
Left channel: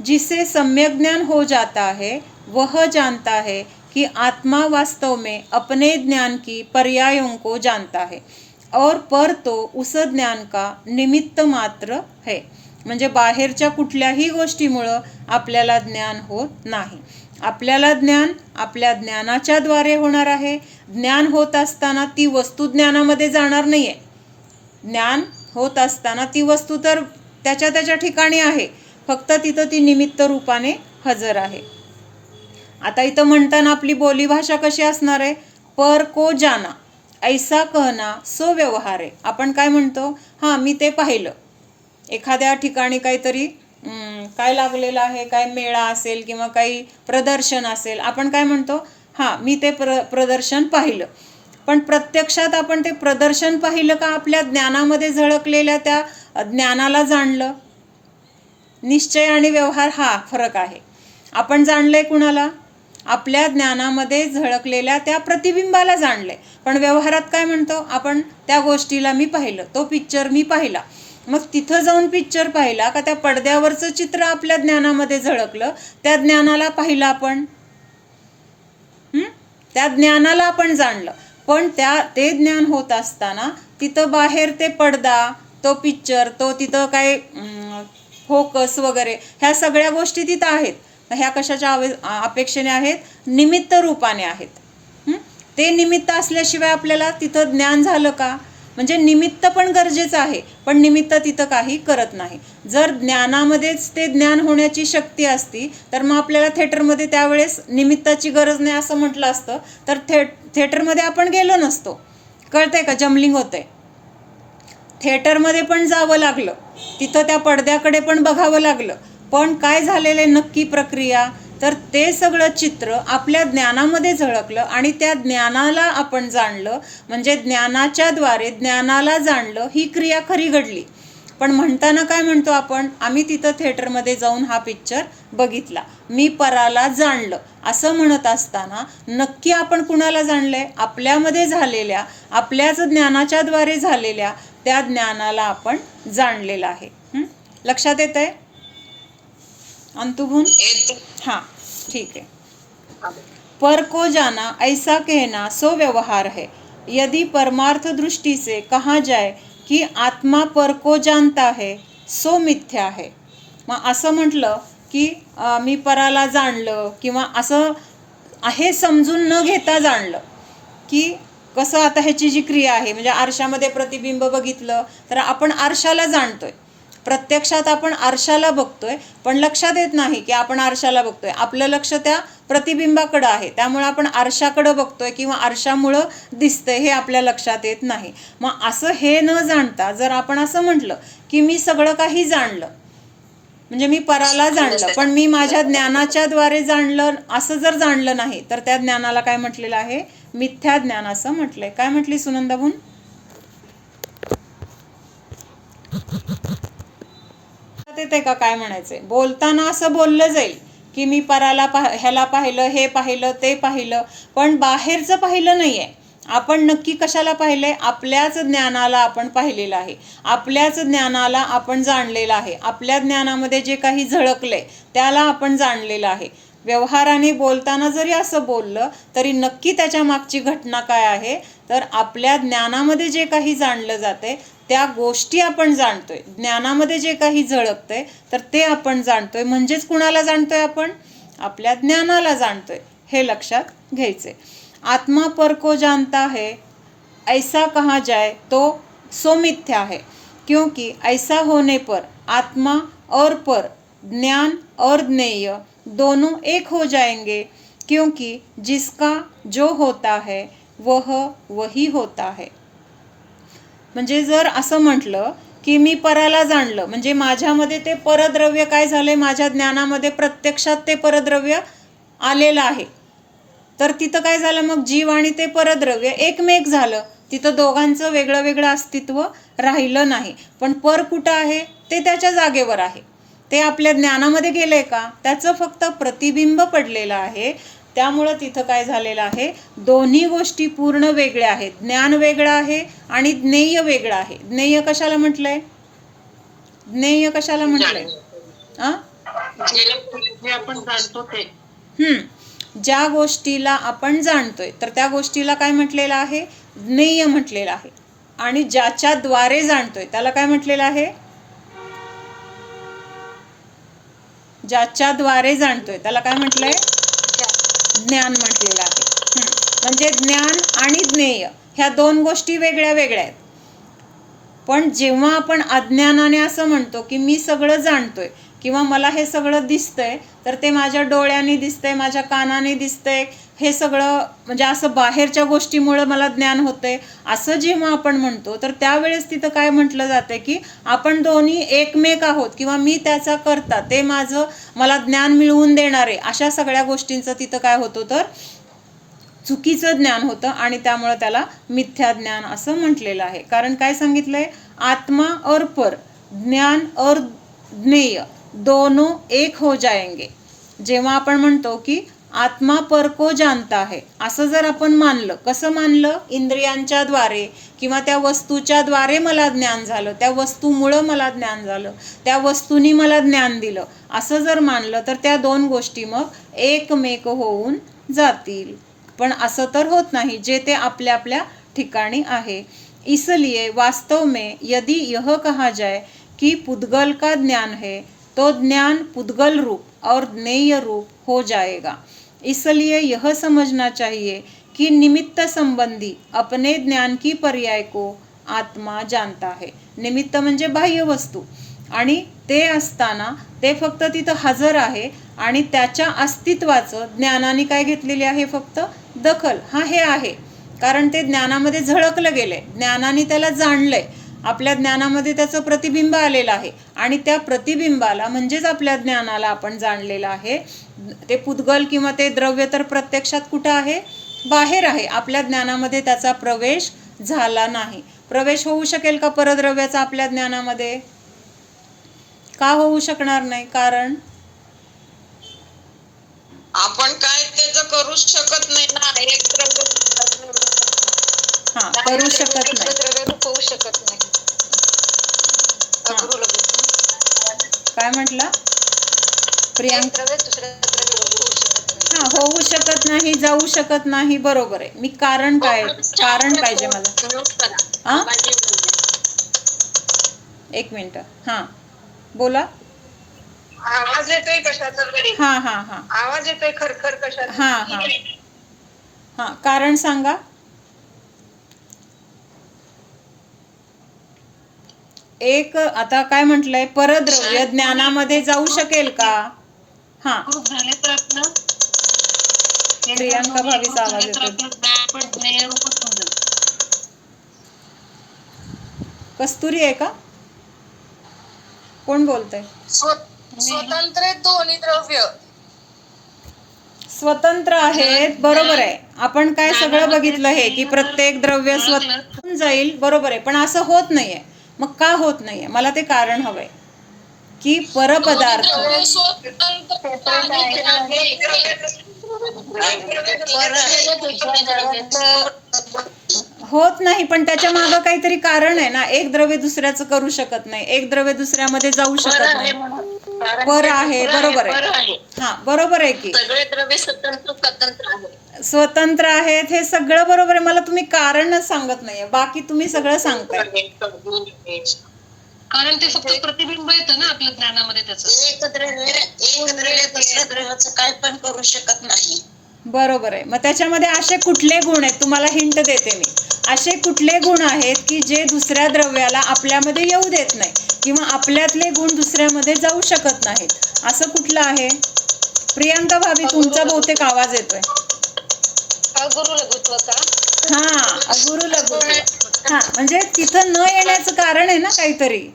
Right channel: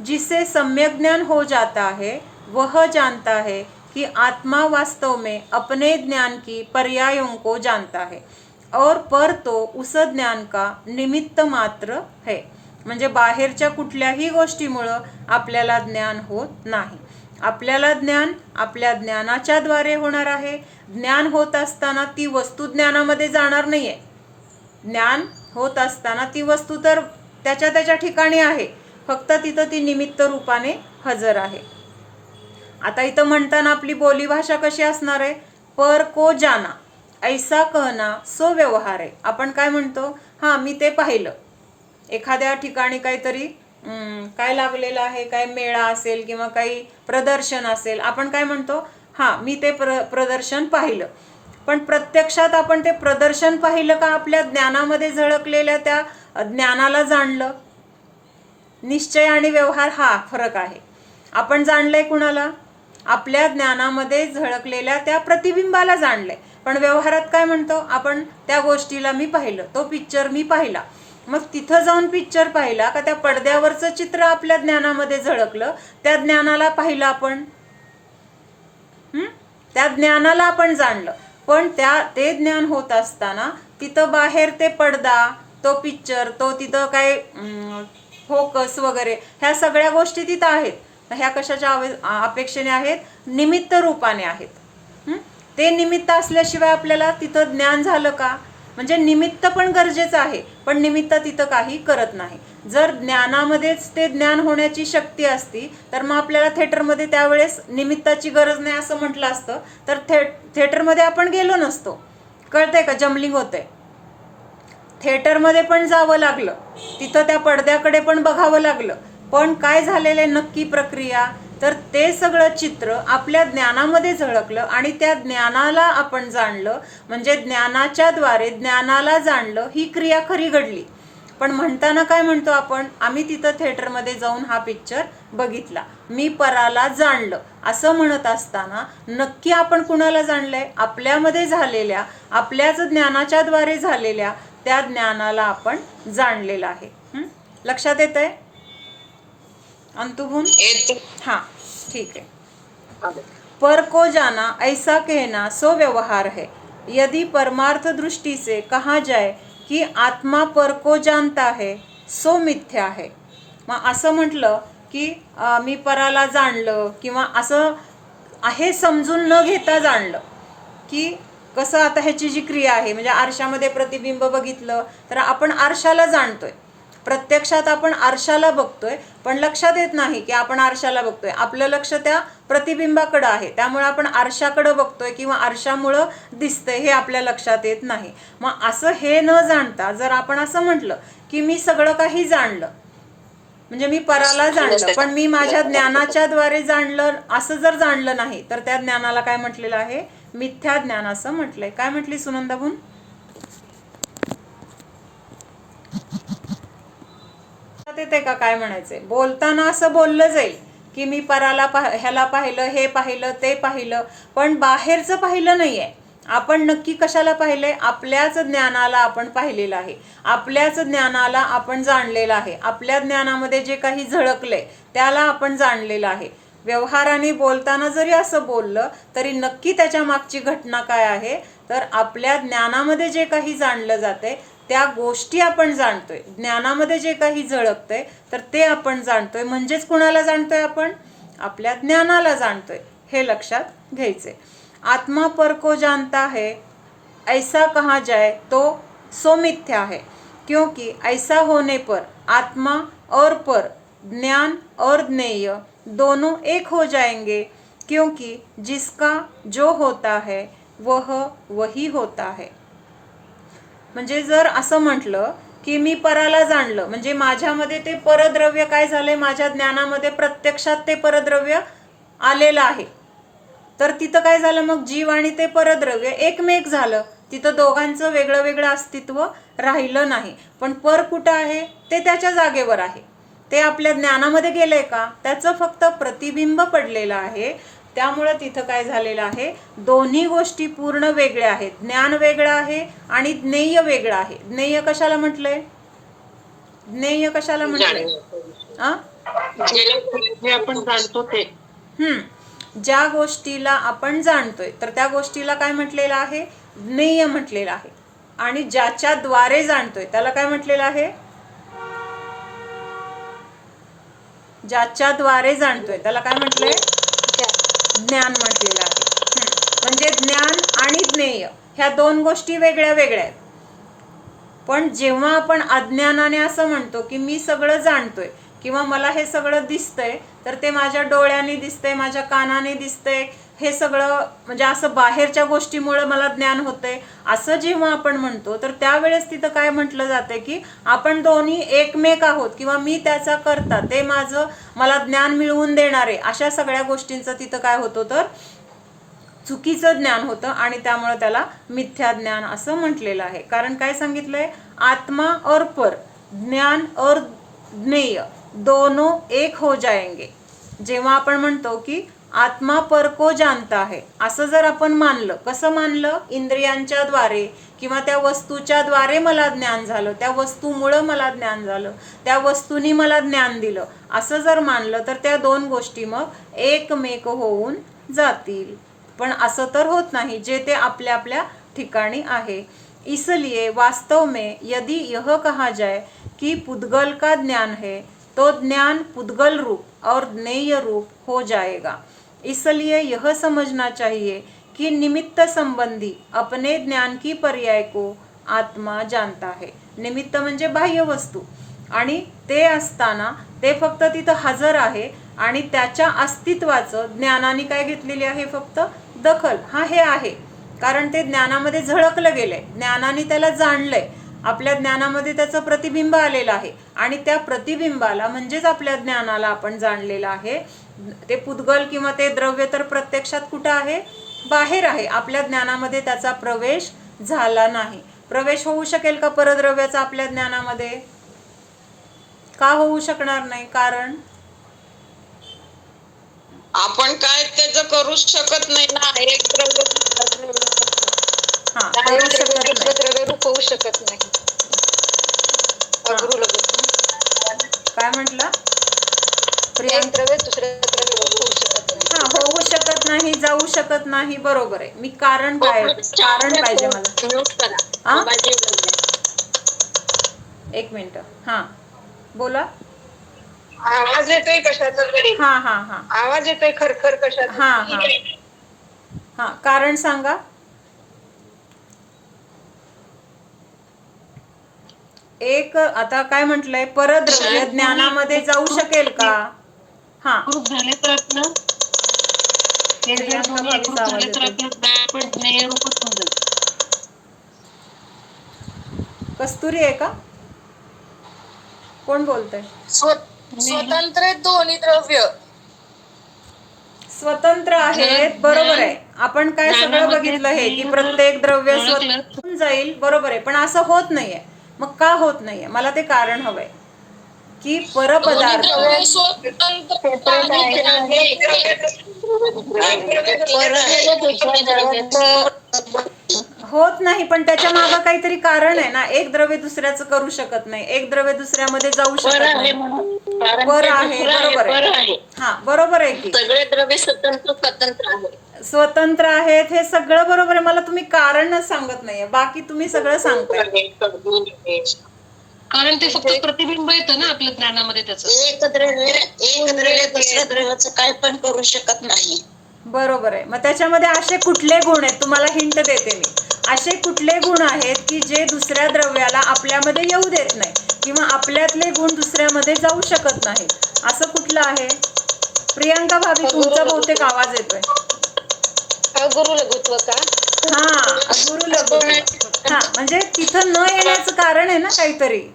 जिसे सम्यक ज्ञान हो जाता है वह जानता है कि आत्मा वास्तव में अपने ज्ञान की पर्यायों को जानता है और पर तो उस ज्ञान का निमित्त मात्र है. म्हणजे बाहेरच्या कुठल्याही गोष्टीमुळं आपल्याला ज्ञान होत नाही. आपल्याला ज्ञान आपल्या ज्ञानाच्या द्वारे होणार आहे. ज्ञान होत असताना ती वस्तू ज्ञानामध्ये जाणार नाही आहे. ज्ञान होत असताना ती वस्तू तर त्याच्या ठिकाणी आहे, फक्त तिथं ती निमित्त रूपाने हजर आहे. आता इथं म्हणताना आपली बोली भाषा कशी असणार आहे, पर को जाना ऐसा कहना सो व्यवहार आहे. आपण काय म्हणतो, मी ते पाहिलं. एखाद्या ठिकाणी काहीतरी काय लागलेलं आहे, काय मेळा असेल किंवा काही प्रदर्शन असेल, आपण काय म्हणतो, मी ते प्रदर्शन पाहिलं. पण प्रत्यक्षात आपण ते प्रदर्शन पाहिलं का आपल्या ज्ञानामध्ये झळकलेल्या त्या ज्ञानाला जाणलं? निश्चय आणि व्यवहार हा फरक आहे. आपण जाणलंय कुणाला? आपल्या ज्ञानामध्ये झळकलेल्या त्या प्रतिबिंबाला जाणलंय. पण व्यवहारात काय म्हणतो आपण, त्या गोष्टीला मी पाहिलं, तो पिक्चर मी पाहिला. मग तिथं जाऊन पिक्चर पाहिला का त्या पडद्यावरचं चित्र आपल्या ज्ञानामध्ये झळकलं, त्या ज्ञानाला पाहिलं आपण, त्या ज्ञानाला आपण जाणलं. पण ते ज्ञान होत असताना तिथं बाहेर ते पडदा, तो पिक्चर, तो तिथं काय फोकस वगैरे, ह्या सगळ्या गोष्टी तिथं आहेत. ह्या कशाच्या अपेक्षेने आहेत? निमित्त रूपाने आहेत. ते निमित्त असल्याशिवाय आपल्याला तिथं ज्ञान झालं का? म्हणजे निमित्त पण गरजेचं आहे, पण निमित्त तिथं काही करत नाही. जर ज्ञानामध्येच ते ज्ञान होण्याची शक्ती असती तर मग आपल्याला थिएटरमध्ये त्यावेळेस निमित्ताची गरज नाही असं म्हटलं असतं, तर थिएटरमध्ये आपण गेलो नसतो. कळतंय का? जमलिंग होतंय. थिएटरमध्ये पण जावं लागलं, तिथं त्या पडद्याकडे पण बघावं लागलं. पण काय झालेलं नक्की प्रक्रिया, तर ते सगळं चित्र आपल्या ज्ञानामध्ये झळकलं आणि त्या ज्ञानाला आपण जाणलं. म्हणजे ज्ञानाच्या द्वारे ज्ञानाला जाणलं, ही क्रिया खरी घडली. पण म्हणताना काय म्हणतो आपण, आम्ही तिथं थिएटरमध्ये जाऊन हा पिक्चर बघितला, मी पराला जाणलं, असं म्हणत असताना नक्की आपण कुणाला जाणलंय? आपल्यामध्ये झालेल्या, आपल्याच ज्ञानाच्या द्वारे झालेल्या त्या ज्ञानाला आपण जाणलेलं आहे. लक्षात येतंय अंतुभून? ठीक है. पर को जाना ऐसा कहना सो व्यवहार है. यदि परमार्थ दृष्टि से कहा जाए कि आत्मा पर को जानता है सो मिथ्या है. मग असं म्हटलं की मी पराला जाणलं किंवा असं हे समजून न घेता जाणलं, की कसं आता ह्याची जी क्रिया आहे म्हणजे आरशामध्ये प्रतिबिंब बघितलं तर आपण आरशाला जाणतोय, प्रत्यक्षात आपण आरशाला बघतोय, पण लक्षात येत नाही की आपण आरशाला बघतोय. आपलं लक्ष त्या प्रतिबिंबाकडं आहे, त्यामुळे आपण आरशाकडं बघतोय किंवा आरशामुळं दिसतंय हे आपल्या लक्षात येत नाही. मग असं हे न जाणता जर आपण असं म्हटलं की मी सगळं काही जाणलं, म्हणजे मी पराला जाणलं, पण मी माझ्या ज्ञानाच्या द्वारे जाणलं, असं जर जाणलं नाही तर त्या ज्ञानाला काय म्हटलेलं आहे? मिथ्या ज्ञान असं म्हटलंय. काय म्हटली सुनंदाबून? येते का काय म्हणायचंय? बोलताना असं बोललं जाईल की मी पराला ह्याला पाहिलं, हे पाहिलं, ते पाहिलं, पण बाहेरचं पाहिलं नाहीये. आपण नक्की कशाला पाहिलंय? आपल्याच ज्ञानाला आपण पाहिलेलं आहे, आपल्याच ज्ञानाला आपण जाणलेलं आहे, आपल्या ज्ञानामध्ये जे काही झळकलंय त्याला आपण जाणलेलं आहे. व्यवहाराने बोलताना जरी असं बोललं तरी नक्की त्याच्या मागची घटना काय आहे? तर आपल्या ज्ञानामध्ये जे काही जाणलं जातंय त्या गोष्टी आपण जाणतोय, ज्ञानामध्ये जे काही झळकतंय तर ते आपण जाणतोय. म्हणजेच कुणाला जाणतोय आपण? आपल्या ज्ञानाला जाणतोय, हे लक्षात घ्यायचंय. आत्मा पर को जानता है, ऐसा कहा जाए तो सो मिथ्या है, क्योंकि ऐसा होने पर आत्मा और पर, ज्ञान और ज्ञेय दोनों एक हो जाएंगे, क्योंकि जिसका जो होता है वह वही होता है. म्हणजे जर असं म्हटलं की मी पराला जाणलं, म्हणजे माझ्यामध्ये ते परद्रव्य काय झालंय? माझ्या ज्ञानामध्ये प्रत्यक्षात ते परद्रव्य आलेलं आहे. तर तिथं काय झालं? मग जीव आणि ते परद्रव्य एकमेक झालं, तिथं दोघांचं वेगळं वेगळं अस्तित्व राहिलं नाही. पण पर कुठं आहे? ते त्याच्या जागेवर आहे. ते आपल्या ज्ञानामध्ये गेलंय का? त्याचं फक्त प्रतिबिंब पडलेलं आहे. त्यामुळं तिथं काय झालेलं आहे? दोन्ही गोष्टी पूर्ण वेगळ्या आहेत. ज्ञान वेगळं आहे आणि ज्ञेय वेगळं आहे. ज्ञेय कशाला म्हटलंय? ज्ञेय कशाला म्हटलंय? आपण जाणतो ते. ज्या गोष्टीला आपण जाणतोय तर त्या गोष्टीला काय म्हटलेलं आहे? ज्ञेय म्हटलेलं आहे. आणि ज्याच्या द्वारे जाणतोय त्याला काय म्हटलेलं आहे? ज्याच्या द्वारे जाणतोय त्याला काय म्हटलंय? ज्ञान म्हटलेलं आहे. म्हणजे ज्ञान आणि ज्ञेय ह्या दोन गोष्टी वेगळ्या वेगळ्या आहेत. पण जेव्हा आपण अज्ञानाने असं म्हणतो की मी सगळं जाणतोय किंवा मला हे सगळं दिसतंय, तर ते माझ्या डोळ्यांनी दिसतंय, माझ्या कानाने दिसतंय, हे सगळं म्हणजे असं बाहेरच्या गोष्टीमुळे मला ज्ञान होतंय, असं जेव्हा आपण म्हणतो तर त्यावेळेस तिथं काय म्हटलं जातंय की आपण दोन्ही एकमेक आहोत किंवा मी त्याचा करता, ते माझं मला ज्ञान मिळवून देणारे, अशा सगळ्या गोष्टींचं तिथं काय होतं? तर चुकीचं ज्ञान होतं आणि त्यामुळे त्याला मिथ्या ज्ञान असं म्हटलेलं आहे. कारण काय सांगितलंय? आत्मा और पर, ज्ञान और ज्ञेय दोनों एक हो जाएंगे. जेव्हा आपण म्हणतो की आत्मा पर को जानता है, असं जर आपण मानलं, कसं मानलं? इंद्रियांच्या द्वारे किंवा त्या वस्तूच्या द्वारे मला ज्ञान झालं, त्या वस्तूमुळं मला ज्ञान झालं, त्या वस्तूनी मला ज्ञान दिलं, असं जर मानलं तर त्या दोन गोष्टी मग एकमेक होऊन जातील. पण असं तर होत नाही, जे ते आपल्या आपल्या ठिकाणी आहे. इसलिए वास्तव में यदि यह कहा जाए कि पुद्गल का ज्ञान है तो ज्ञान पुद्गल रूप और ज्ञेय रूप हो जाएगा. इसलिए यह समझना चाहिए कि निमित्त संबंधी अपने ज्ञान की पर्याय को आत्मा जानता है. निमित्त म्हणजे बाह्य वस्तू, आणि ते असताना ते फक्त तिथं हजर आहे आणि त्याच्या अस्तित्वाचं ज्ञानाने काय घेतलेली आहे? फक्त दखल. हे आहे कारण ते ज्ञानामध्ये झळकलं गेलंय, ज्ञानाने त्याला जाणलंय, आपल्या ज्ञानामध्ये त्याचं प्रतिबिंब आलेलं आहे आणि त्या प्रतिबिंबाला म्हणजेच आपल्या ज्ञानाला आपण जाणलेलं आहे. ते पुद्गल किंवा ते द्रव्य तर प्रत्यक्षात कुठं आहे? बाहेर आहे. आपल्या ज्ञानामध्ये त्याचा प्रवेश झाला नाही. प्रवेश होऊ शकेल का परद्रव्याचा आपल्या ज्ञानामध्ये? का होऊ शकणार नाही? कारण आपण काय त्याचं करू शकत नाही ना. एक द्रव्य करू शकत नाही, द्रव्य रूपवू शकत नाही. काय म्हटलं प्रियांका? होऊ शकत नाही, जाऊ शकत नाही. बरोबर आहे. मी कारण काय? कारण पाहिजे मला. एक मिनिट. बोला. आवाज येतोय कशाचा तरी, हा हा हा आवाज येतोय खरखर कशाचा. हा हा हा कारण सांगा. एक आता काय म्हटलंय, परद्रव्य ज्ञानामध्ये जाऊ शकेल का? हा झाले तर आपलं प्रियांका भावीचा आवाज येतोय. कस्तुरी आहे का? कोण बोलतंय? स्वतंत्र दोन्ही द्रव्य स्वतंत्र आहेत, बरोबर आहे. आपण काय सगळं बघितलं हे की प्रत्येक द्रव्य स्वतंत्र जाईल, बरोबर आहे. पण असं होत नाहीये. मग का होत नाहीये? मला ते कारण हवंय की परपदार्थ होत नाही, पण त्याच्या मागे काहीतरी कारण आहे ना. एक द्रव्य दुसऱ्याचं करू शकत नाही, एक द्रव्य दुसऱ्यामध्ये जाऊ शकत नाही. पर आहे, बरोबर आहे. हा बरोबर आहे की सगळे द्रव्य स्वतंत्र आहेत. स्वतंत्र आहेत, हे सगळं बरोबर आहे. मला तुम्ही कारणच सांगत नाहीये, बाकी तुम्ही सगळं सांगताय. कारण ते फक्त प्रतिबिंब येतं ना आपल्या ज्ञानामध्ये त्याचं. एक द्रव्य दुसऱ्या द्रव्याचं काय पण करू शकत नाही. बरोबर आहे. मग त्याच्यामध्ये असे कुठले गुण आहेत? तुम्हाला हिंट देते मी. असे कुठले गुण आहेत की जे दुसऱ्या द्रव्याला आपल्यामध्ये येऊ देत नाही, किंवा आपल्यातले गुण दुसऱ्यामध्ये जाऊ शकत नाहीत? असं कुठलं आहे? प्रियांका भाभी, तुमचा बहुतेक आवाज येतोय. अगुरु लघुत्व का? हा अगुरु लघुत्व. हा म्हणजे तिथं न येण्याचं कारण आहे ना काहीतरी.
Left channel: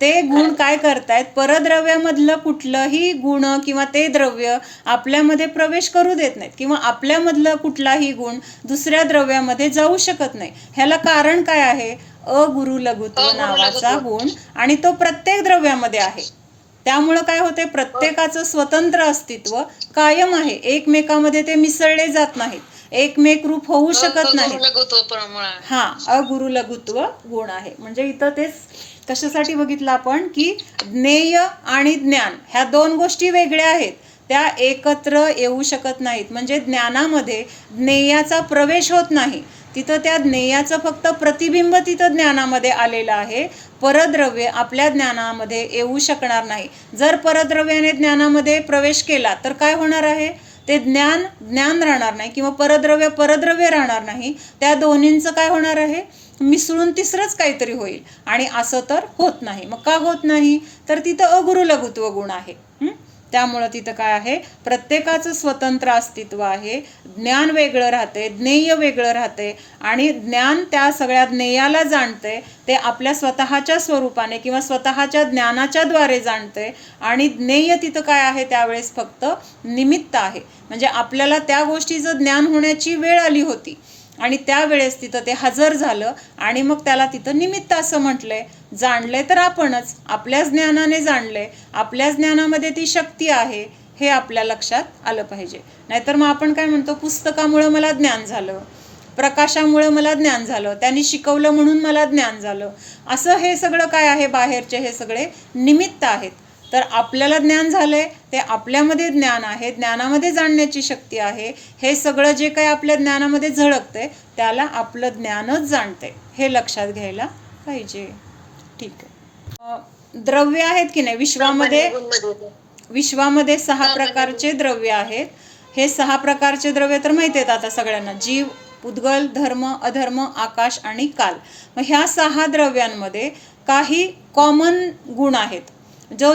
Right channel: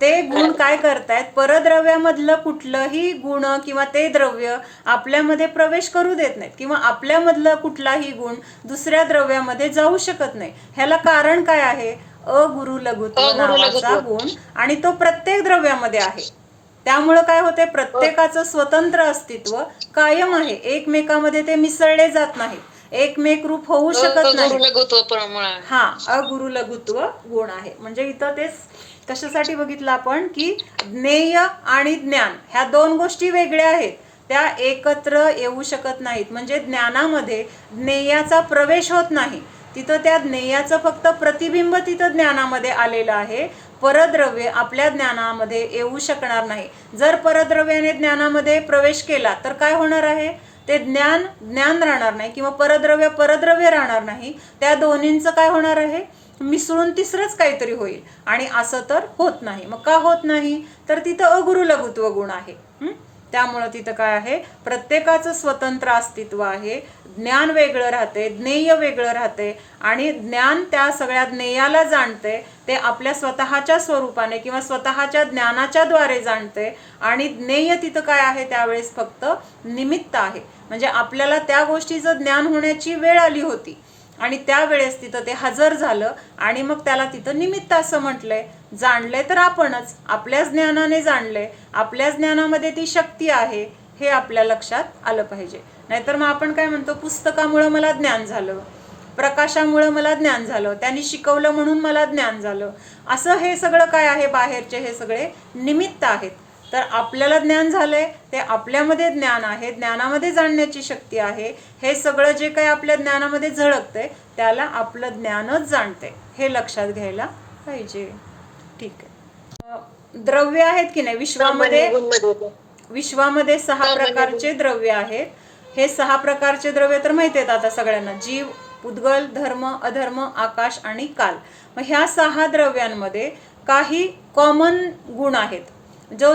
ते गुण काय करतायत, परद्रव्यामधलं कुठलंही गुण किंवा ते द्रव्य आपल्यामध्ये प्रवेश करू देत नाहीत, किंवा आपल्यामधलं कुठलाही गुण दुसऱ्या द्रव्यामध्ये जाऊ शकत नाही. ह्याला कारण काय आहे? अगुरु लघुत्व नावाचा गुण, आणि तो प्रत्येक द्रव्यामध्ये आहे. त्यामुळं काय होते, प्रत्येकाचं स्वतंत्र अस्तित्व कायम आहे. एकमेकामध्ये ते मिसळले जात नाहीत, एकमेक रूप होऊ शकत नाही. हा अगुरु लघुत्व गुण आहे. म्हणजे इथं तेच कशासाठी बघितलं आपण की ज्ञेय आणि ज्ञान ह्या दोन गोष्टी वेगळ्या आहेत, त्या एकत्र येऊ शकत नाहीत. म्हणजे ज्ञानामध्ये ज्ञेयाचा प्रवेश होत नाही, तिथं त्या ज्ञेयाचं फक्त प्रतिबिंब तिथं ज्ञानामध्ये आलेलं आहे. परद्रव्य आपल्या ज्ञानामध्ये येऊ शकणार नाही. जर परद्रव्याने ज्ञानामध्ये प्रवेश केला तर काय होणार आहे? ते ज्ञान राहणार नाही, किंवा परद्रव्य राहणार नाही. त्या दोन्हींचं काय होणार आहे? मिसळून तिसरंच काहीतरी होईल, आणि असं तर होत नाही. मग का होत नाही? तर तिथं अगुरु लघुत्व गुण आहे. त्यामुळं तिथं काय आहे? प्रत्येकाचं स्वतंत्र अस्तित्व आहे. ज्ञान वेगळं राहते, ज्ञेय वेगळं राहते, आणि ज्ञान त्या सगळ्या ज्ञेयाला जाणते. ते आपल्या स्वतःच्या स्वरूपाने किंवा स्वतःच्या ज्ञानाच्या द्वारे जाणते. आणि ज्ञेय तिथं काय आहे? त्यावेळेस फक्त निमित्त आहे. म्हणजे आपल्याला त्या गोष्टीचं ज्ञान होण्याची वेळ आली होती, आणि त्यावेळेस तिथं ते हजर झालं, आणि मग त्याला तिथं निमित्त असं म्हटलंय. जाणलंय तर आपणच, आपल्याच ज्ञानाने जाणलंय, आपल्याच ज्ञानामध्ये ती शक्ती आहे, हे आपल्या लक्षात आलं पाहिजे. नाहीतर मग आपण काय म्हणतो, पुस्तकामुळं मला ज्ञान झालं, प्रकाशामुळं मला ज्ञान झालं, त्यांनी शिकवलं म्हणून मला ज्ञान झालं. असं हे सगळं काय आहे? बाहेरचे हे सगळे निमित्त आहेत. तर आपल्याला ज्ञान झालंय, ते आपल्यामध्ये ज्ञान आहे, ज्ञानामध्ये जाणण्याची शक्ती आहे. हे सगळं जे काही आपल्या ज्ञानामध्ये झळकतंय त्याला आपलं ज्ञानच जाणते, हे लक्षात घ्यायला पाहिजे. ठीक आहे. द्रव्य आहेत की नाही विश्वामध्ये 6 प्रकारचे द्रव्य आहेत. हे 6 प्रकारचे द्रव्य तर माहिती आहेत आता सगळ्यांना: जीव, उद्गल, धर्म, अधर्म, आकाश आणि काल. मग ह्या 6 द्रव्यांमध्ये काही कॉमन गुण आहेत. जो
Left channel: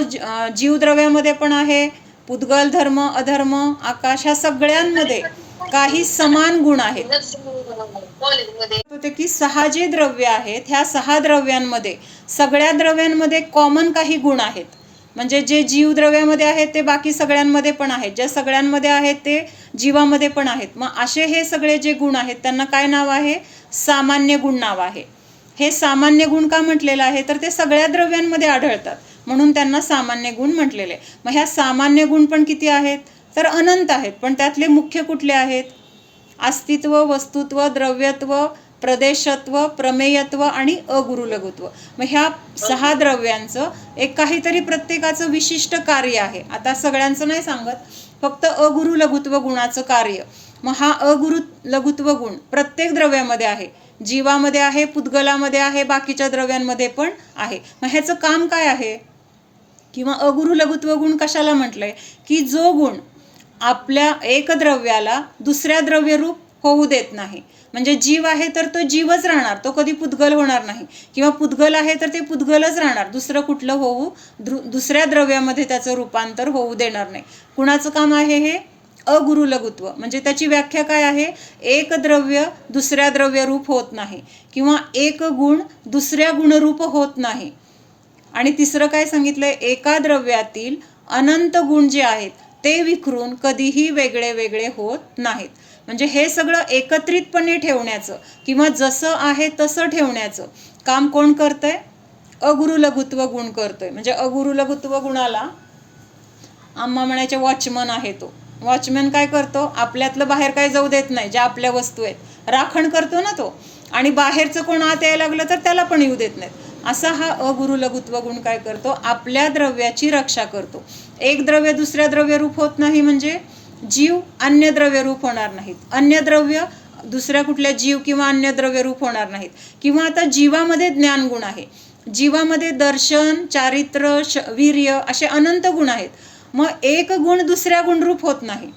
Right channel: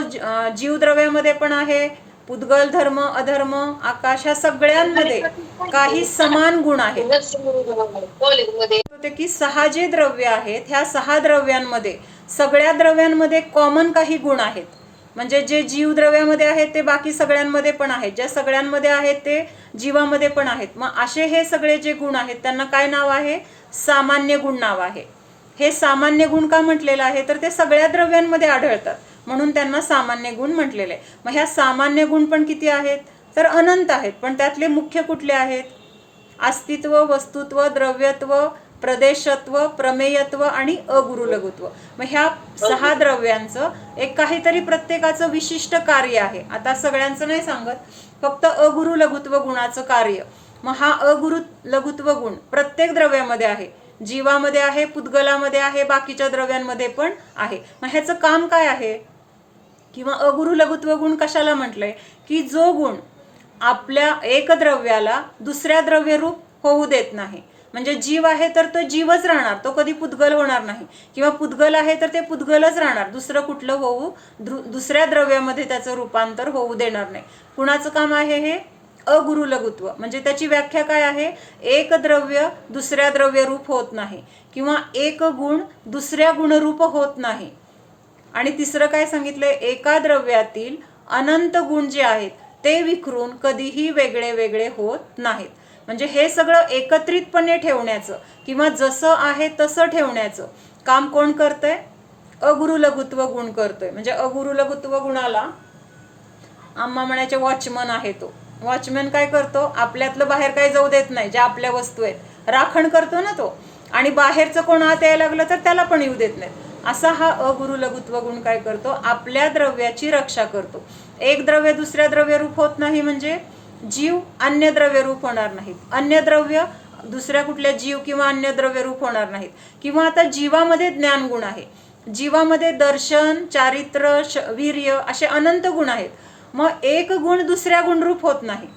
जीवद्रव्यामध्ये पण आहे, उद्गल, धर्म, अधर्म, आकाश, ह्या सगळ्यांमध्ये काही समान गुण आहेत. की 6 जे द्रव्य आहेत, ह्या 6 द्रव्यांमध्ये सगळ्या द्रव्यांमध्ये कॉमन काही गुण आहेत. म्हणजे जे जीवद्रव्यामध्ये आहेत ते बाकी सगळ्यांमध्ये पण आहेत, ज्या सगळ्यांमध्ये आहेत ते जीवामध्ये पण आहेत. मग असे हे सगळे जे गुण आहेत त्यांना काय नाव आहे? सामान्य गुण नाव आहे. हे सामान्य गुण का म्हटलेलं आहे? तर ते सगळ्या द्रव्यांमध्ये आढळतात, म्हणून त्यांना सामान्य गुण म्हटलेले. मग ह्या सामान्य गुण पण किती आहेत? तर अनंत आहेत. पण त्यातले मुख्य कुठले आहेत? अस्तित्व, वस्तुत्व, द्रव्यत्व, प्रदेशत्व, प्रमेयत्व आणि अगुरु लघुत्व. मग ह्या 6 द्रव्यांचं एक काहीतरी प्रत्येकाचं विशिष्ट कार्य आहे. आता सगळ्यांचं नाही सांगत, फक्त अगुरु लघुत्व गुणाचं कार्य. मग हा अगुरु लघुत्व गुण प्रत्येक द्रव्यामध्ये आहे, जीवामध्ये आहे, पुद्गलामध्ये आहे, बाकीच्या द्रव्यांमध्ये पण आहे. मग ह्याचं काम काय आहे? किंवा अगुरु लघुत्व गुण कशाला म्हटलंय की जो गुण आपल्या एक द्रव्याला दुसऱ्या द्रव्यरूप होऊ देत नाही. म्हणजे जीव आहे तर तो जीवच राहणार, तो कधी पुद्गल होणार नाही. किंवा पुद्गल आहे तर ते पुद्गलच राहणार, दुसरं कुठलं दुसऱ्या द्रव्यामध्ये त्याचं रूपांतर होऊ देणार नाही. कुणाचं काम आहे हे? अगुरु लघुत्व. म्हणजे त्याची व्याख्या काय आहे? एक द्रव्य दुसऱ्या द्रव्यरूप होत नाही किंवा एक गुण दुसऱ्या गुणरूप होत नाही. आणि तिसरं काय सांगितलंय? एका द्रव्यातील अनंत गुण जे आहेत ते विखरून कधीही वेगळे वेगळे होत नाहीत. म्हणजे हे सगळं एकत्रितपणे ठेवण्याचं किंवा जसं आहे तसं ठेवण्याचं काम कोण करतंय? अगुरु लघुत्व गुण करतोय. म्हणजे अगुरु लघुत्व गुणाला आम्हा म्हणायचे वॉचमन आहे. तो वॉचमॅन काय करतो? आपल्यातलं बाहेर काय जाऊ देत नाही. ज्या आपल्या वस्तू आहेत राखण करतो ना तो, आणि बाहेरचं कोण आत यायला लागलं तर त्याला पण येऊ देत नाहीत. असा हा अगुरु लघुत्व गुण काय करतो? आपल्या द्रव्याची रक्षा करतो. एक द्रव्य दुसऱ्या द्रव्यरूप होत नाही म्हणजे जीव अन्य द्रव्यरूप होणार नाहीत, अन्य द्रव्य दुसऱ्या कुठल्या जीव किंवा अन्य द्रव्यरूप होणार नाहीत. किंवा आता जीवामध्ये ज्ञानगुण आहे, जीवामध्ये दर्शन, चारित्र्य, वीर्य असे अनंत गुण आहेत. मग एक गुण दुसऱ्या गुणरूप होत नाही.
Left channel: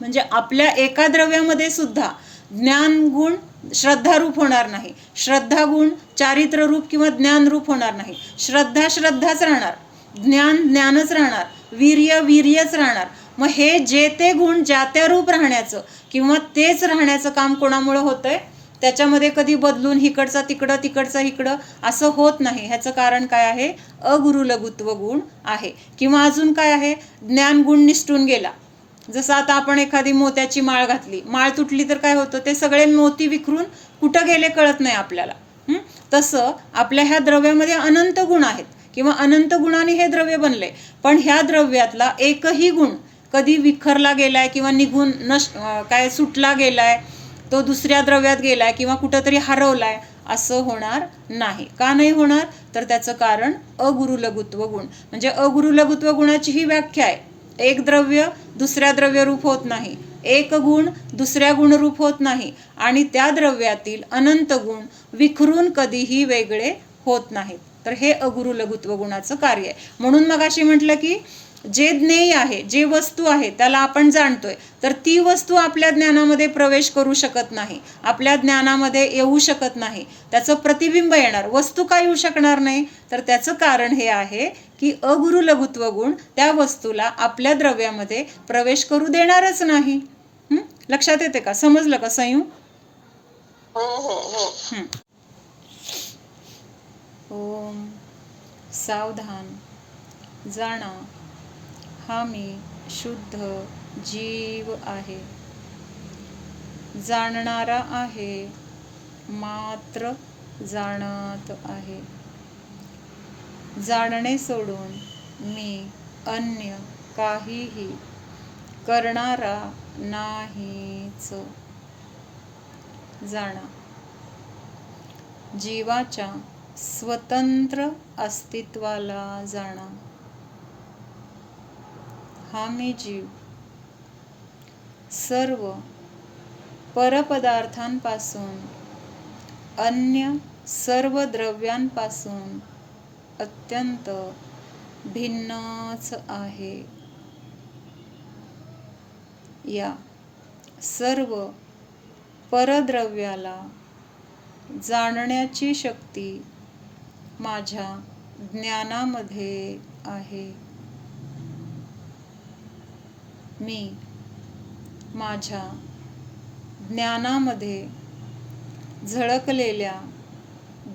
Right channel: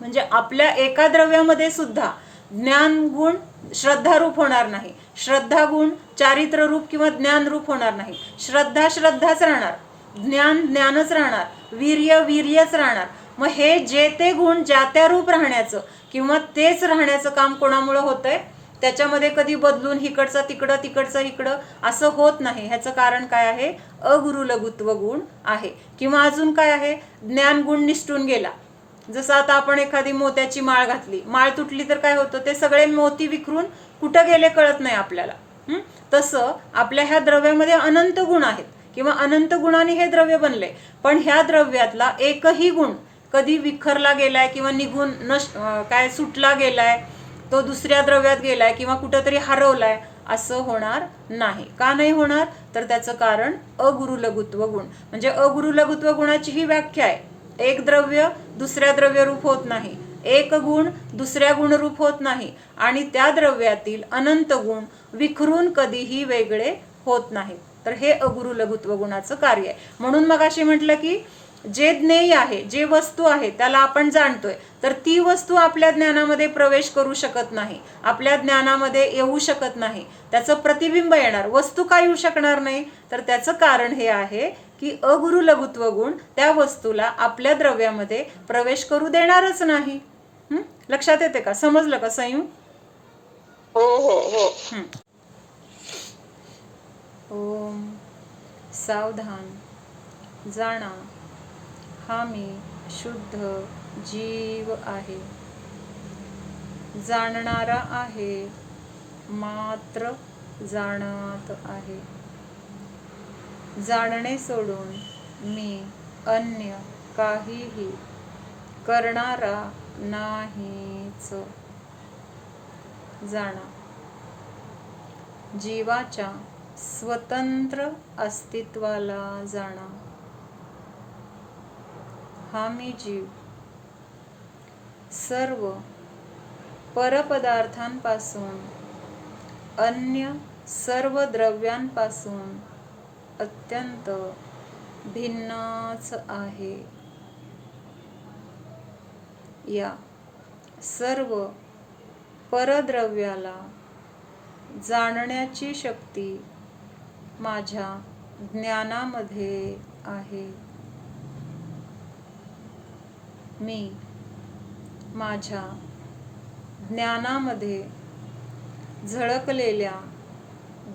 म्हणजे आपल्या एका द्रव्यामध्ये सुद्धा ज्ञान गुण श्रद्धारूप होणार नाही, श्रद्धा गुण चारित्र रूप किंवा ज्ञान रूप होणार नाही. श्रद्धा श्रद्धाच राहणार, ज्ञान ज्ञानच राहणार, वीर्य वीर्यच राहणार. मग हे जे ते गुण ज्या त्या रूप राहण्याचं किंवा तेच राहण्याचं काम कोणामुळे होतंय? त्याच्यामध्ये कधी बदलून इकडचा तिकडं तिकडचा इकडं असं होत नाही. ह्याचं कारण काय आहे? अगुरु लघुत्व गुण आहे. किंवा अजून काय आहे? ज्ञान गुण निसटून गेला. जसं आता आपण एखादी मोत्याची माळ घातली, माळ तुटली तर काय होतं? ते सगळे मोती विखरून कुठं गेले कळत नाही आपल्याला. तसं आपल्या ह्या द्रव्यामध्ये अनंत गुण आहेत किंवा अनंत गुणांनी हे द्रव्य बनले, पण ह्या द्रव्यातला एकही गुण कधी विखरला गेलाय किंवा निघून काय सुटला गेलाय, तो दुसऱ्या द्रव्यात गेलाय किंवा कुठंतरी हरवलाय असं होणार नाही. का नाही होणार? तर त्याचं कारण अगुरु लघुत्व गुण. म्हणजे अगुरु लघुत्व गुणाची ही व्याख्या आहे. एक द्रव्य दुसऱ्या द्रव्यरूप होत नाही, एक गुण दुसऱ्या गुणरूप होत नाही, आणि त्या द्रव्यातील अनंत गुण विखरून कधीही वेगळे होत नाहीत. तर हे अगुरु लघुत्व गुणाचं कार्य आहे. म्हणून मग अशी म्हटलं की जे ज्ञेय आहे, जे वस्तू आहे त्याला आपण जाणतोय, तर ती वस्तू आपल्या ज्ञानामध्ये प्रवेश करू शकत नाही, आपल्या ज्ञानामध्ये येऊ शकत नाही, त्याचं प्रतिबिंब येणार. वस्तू का येऊ शकणार नाही? तर त्याचं कारण हे आहे की अगुरु लघुत्व गुण त्या वस्तूला आपल्या द्रव्यामध्ये प्रवेश करू देणारच नाही. लक्षात येते का? समजलं का संयू? हो हो हो. ओम सावधान जाणा, हा मी शुद्ध जीव आहे, जाणणारा आहे, मात्र जाणत आहे. जाणणे सोडून मी अन्य काहीही करणारा नाहीच. जाणा, जीवाच्या स्वतंत्र अस्तित्वाला जाणा. हा मी जीव सर्व परपदार्थांपासून, अन्य सर्व द्रव्यांपासून अत्यंत भिन्नच आहे. या सर्व परद्रव्याला जाणण्याची शक्ती माझ्या ज्ञानामध्ये आहे. मी माझ्या ज्ञानामध्ये झळकलेल्या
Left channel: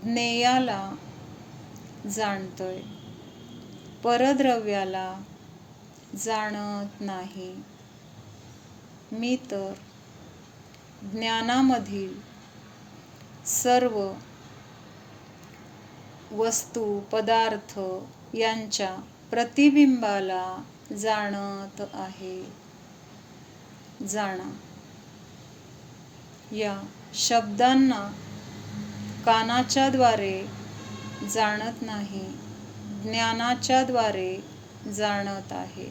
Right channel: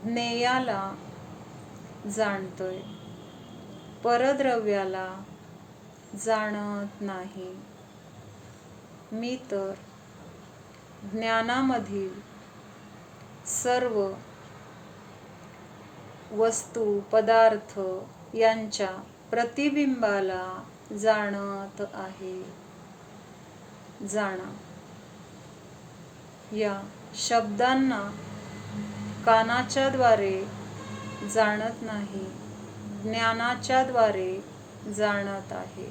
ज्ञेयाला जाणतोय, परद्रव्याला जाणत नाही. मी तर ज्ञानामधील सर्व वस्तू पदार्थ यांच्या प्रतिबिंबाला जाणत आहे. जाणा, या शब्दांना कानाच्या द्वारे जाणत नाही, ज्ञानाच्या द्वारे जाणत आहे.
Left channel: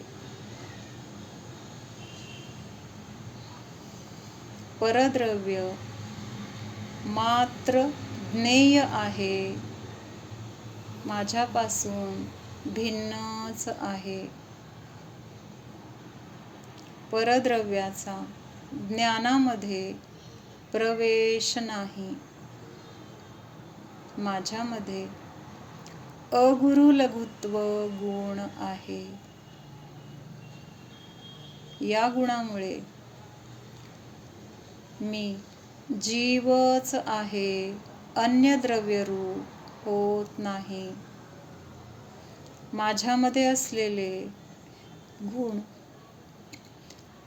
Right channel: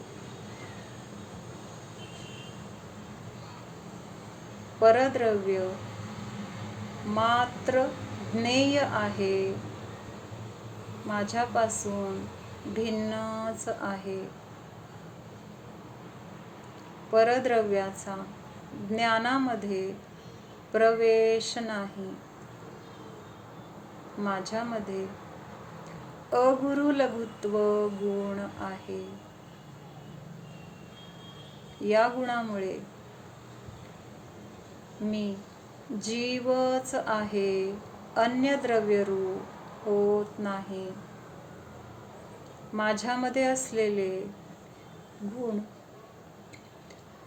परद्रव्य मात्र ज्ञेय आहे, माझ्यापासून भिन्नच आहे. परद्रव्याचा ज्ञानामध्ये प्रवेश नाही. माझ्यामध्ये अगुरु लघुत्व गुण आहे. या गुणामुळे मी जीवच आहे, अन्य द्रव्यरूप होत नाही. माझ्यामध्ये असलेले गुण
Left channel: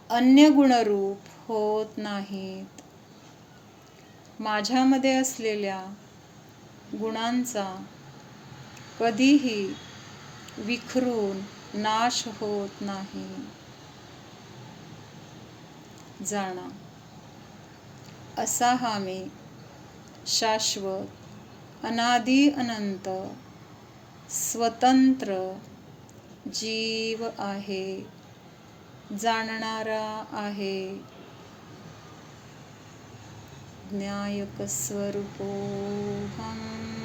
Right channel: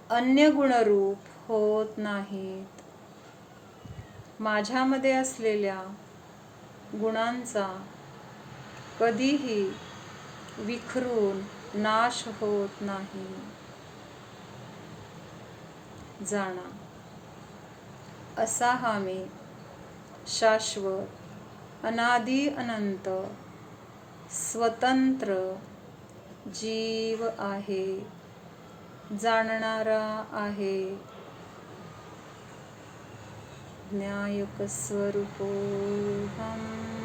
अन्य गुणरूप होत नाहीत. माझ्यामध्ये असलेल्या गुणांचा कधीही विखरून नाश होत नाही. जाणा, असा हा मी शाश्वत, अनादि अनंत, स्वतंत्र जीव आहे, जाणणारा आहे. ज्ञायक स्वरूपोऽहम्.